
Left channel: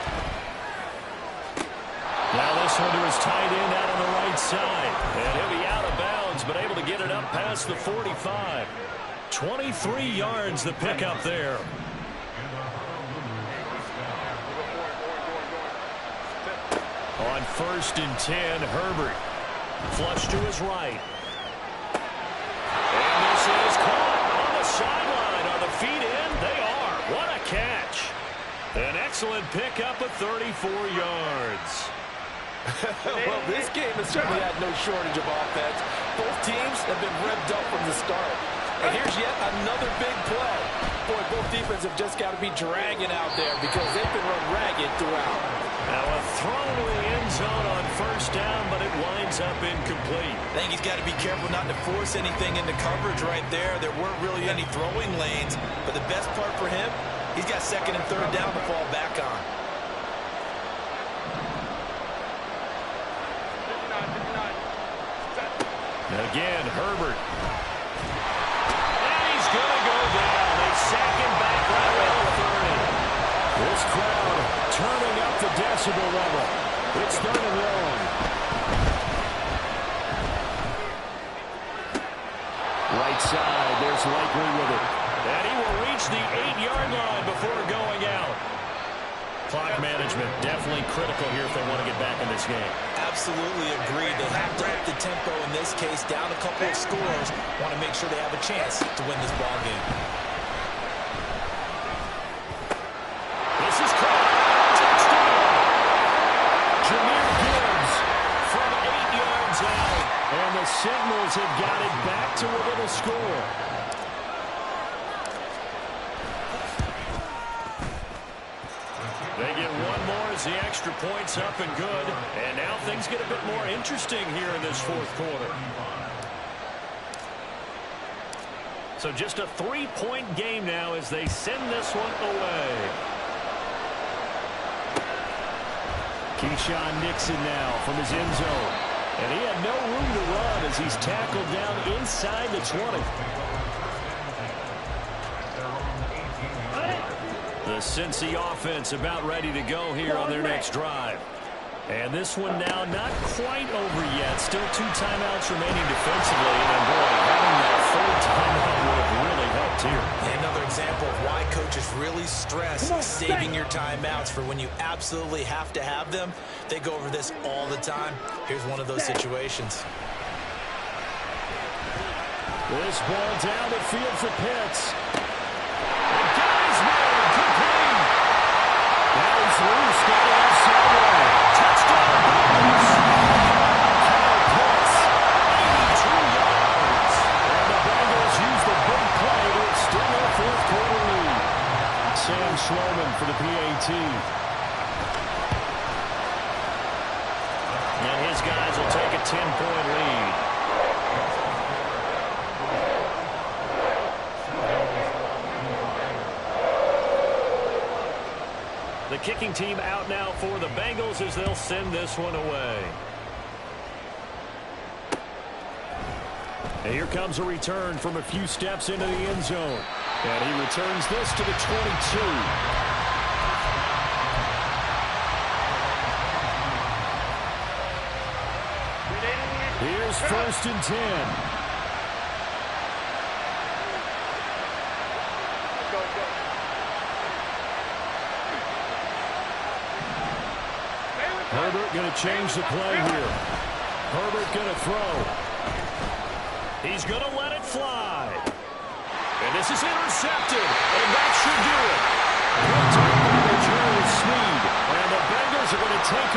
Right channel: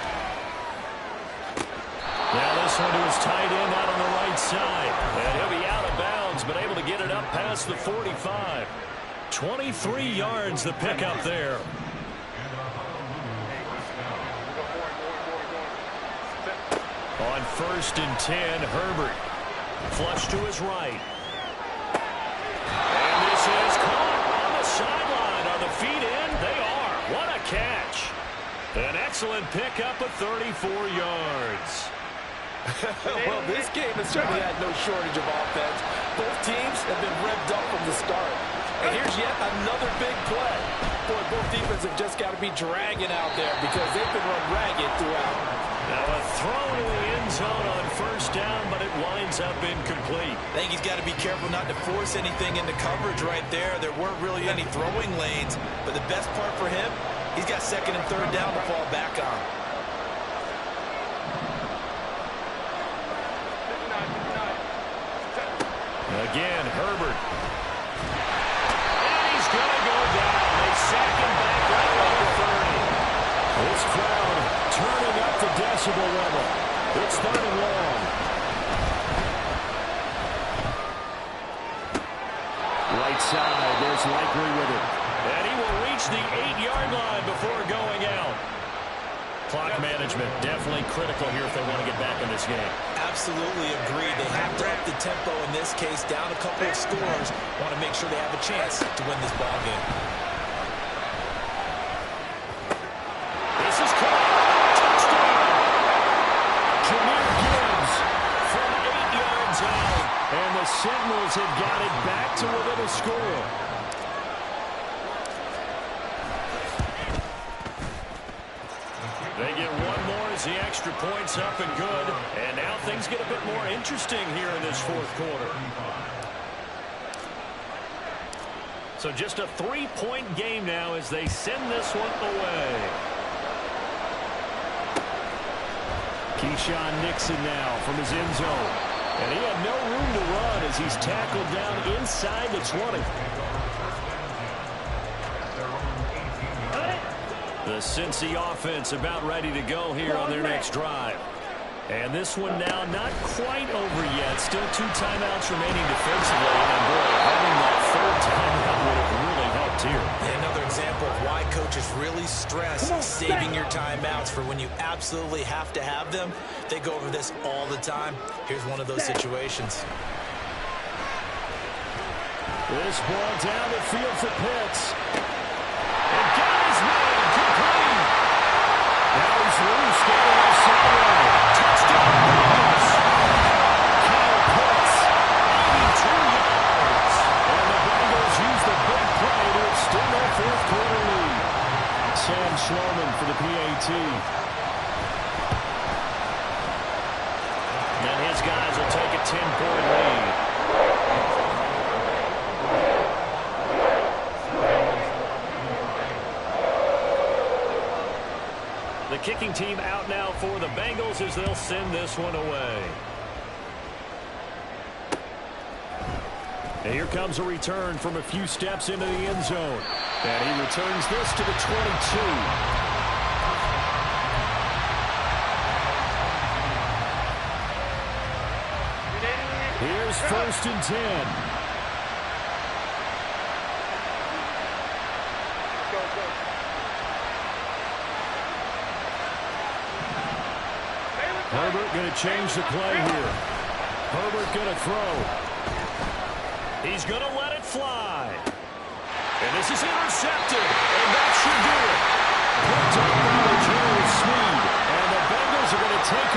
Now this one to his tight end out on the right side. And he'll be out of bounds, but able to get it up past the 45. 23 yards the pickup there. On 1st and 10, Herbert. Flush to his right. And this is caught on the sideline. Are the feet in? They are. What a catch. An excellent pickup of 34 yards. Well, this game has certainly had no shortage of offense. Both teams have been revved up from the start. And here's yet another big play. Boy, both defenses have just got to be dragging out there because they've been run ragged throughout. Now a throw to the end zone on 1st down, but it winds up incomplete. I think he's got to be careful not to force anything into coverage right there. There weren't really any throwing lanes, but the best part for him, he's got 2nd and 3rd down to fall back on. 59. Again, Herbert. And he's going to go down. They sack him back right around the 30. This crowd turning up the decibel level. It's 3rd and long. Right side, there's Likely with it. And he will reach the 8-yard line before going out. Clock management definitely critical here if they want to get back in this game. Absolutely agreed. They have to up the tempo in this case, down a couple of scores. Want to make sure they have a chance to win this ball game. This is caught. Touchdown. Jahmyr Gibbs from 8 yards out. And the Sentinels have got it back to within a score. They get one more as the extra point's up and good. And now things get a bit more interesting here in this fourth quarter. So just a 3-point game now as they send this one away. Keyshawn Nixon now from his end zone. And he had no room to run as he's tackled down inside the 20. The Cincy offense about ready to go here on their next drive. And this one now not quite over yet. Still 2 timeouts remaining defensively. And boy, having that third timeout would have really helped here. Another example of why coaches really stress saving your timeouts for when you absolutely have to have them. They go over this all the time. Here's one of those situations. This ball down the field for Pitts. And got his man complete. Now he's loose, got it off sideline. Touchdown, Bengals. Kyle Pitts, 82 yards. And the Bengals use the big play to extend their fourth quarter lead. Sam Schloman for the PAT. And his guys will take a 10-point lead. The kicking team out now for the Bengals as they'll send this one away. And here comes a return from a few steps into the end zone. And he returns this to the 22. Here's 1st and 10. Herbert going to change the play here. Herbert going to throw. He's going to let it fly. And this is intercepted. And that should do it. Picked up by Jerry Sneed. And the Bengals are going to take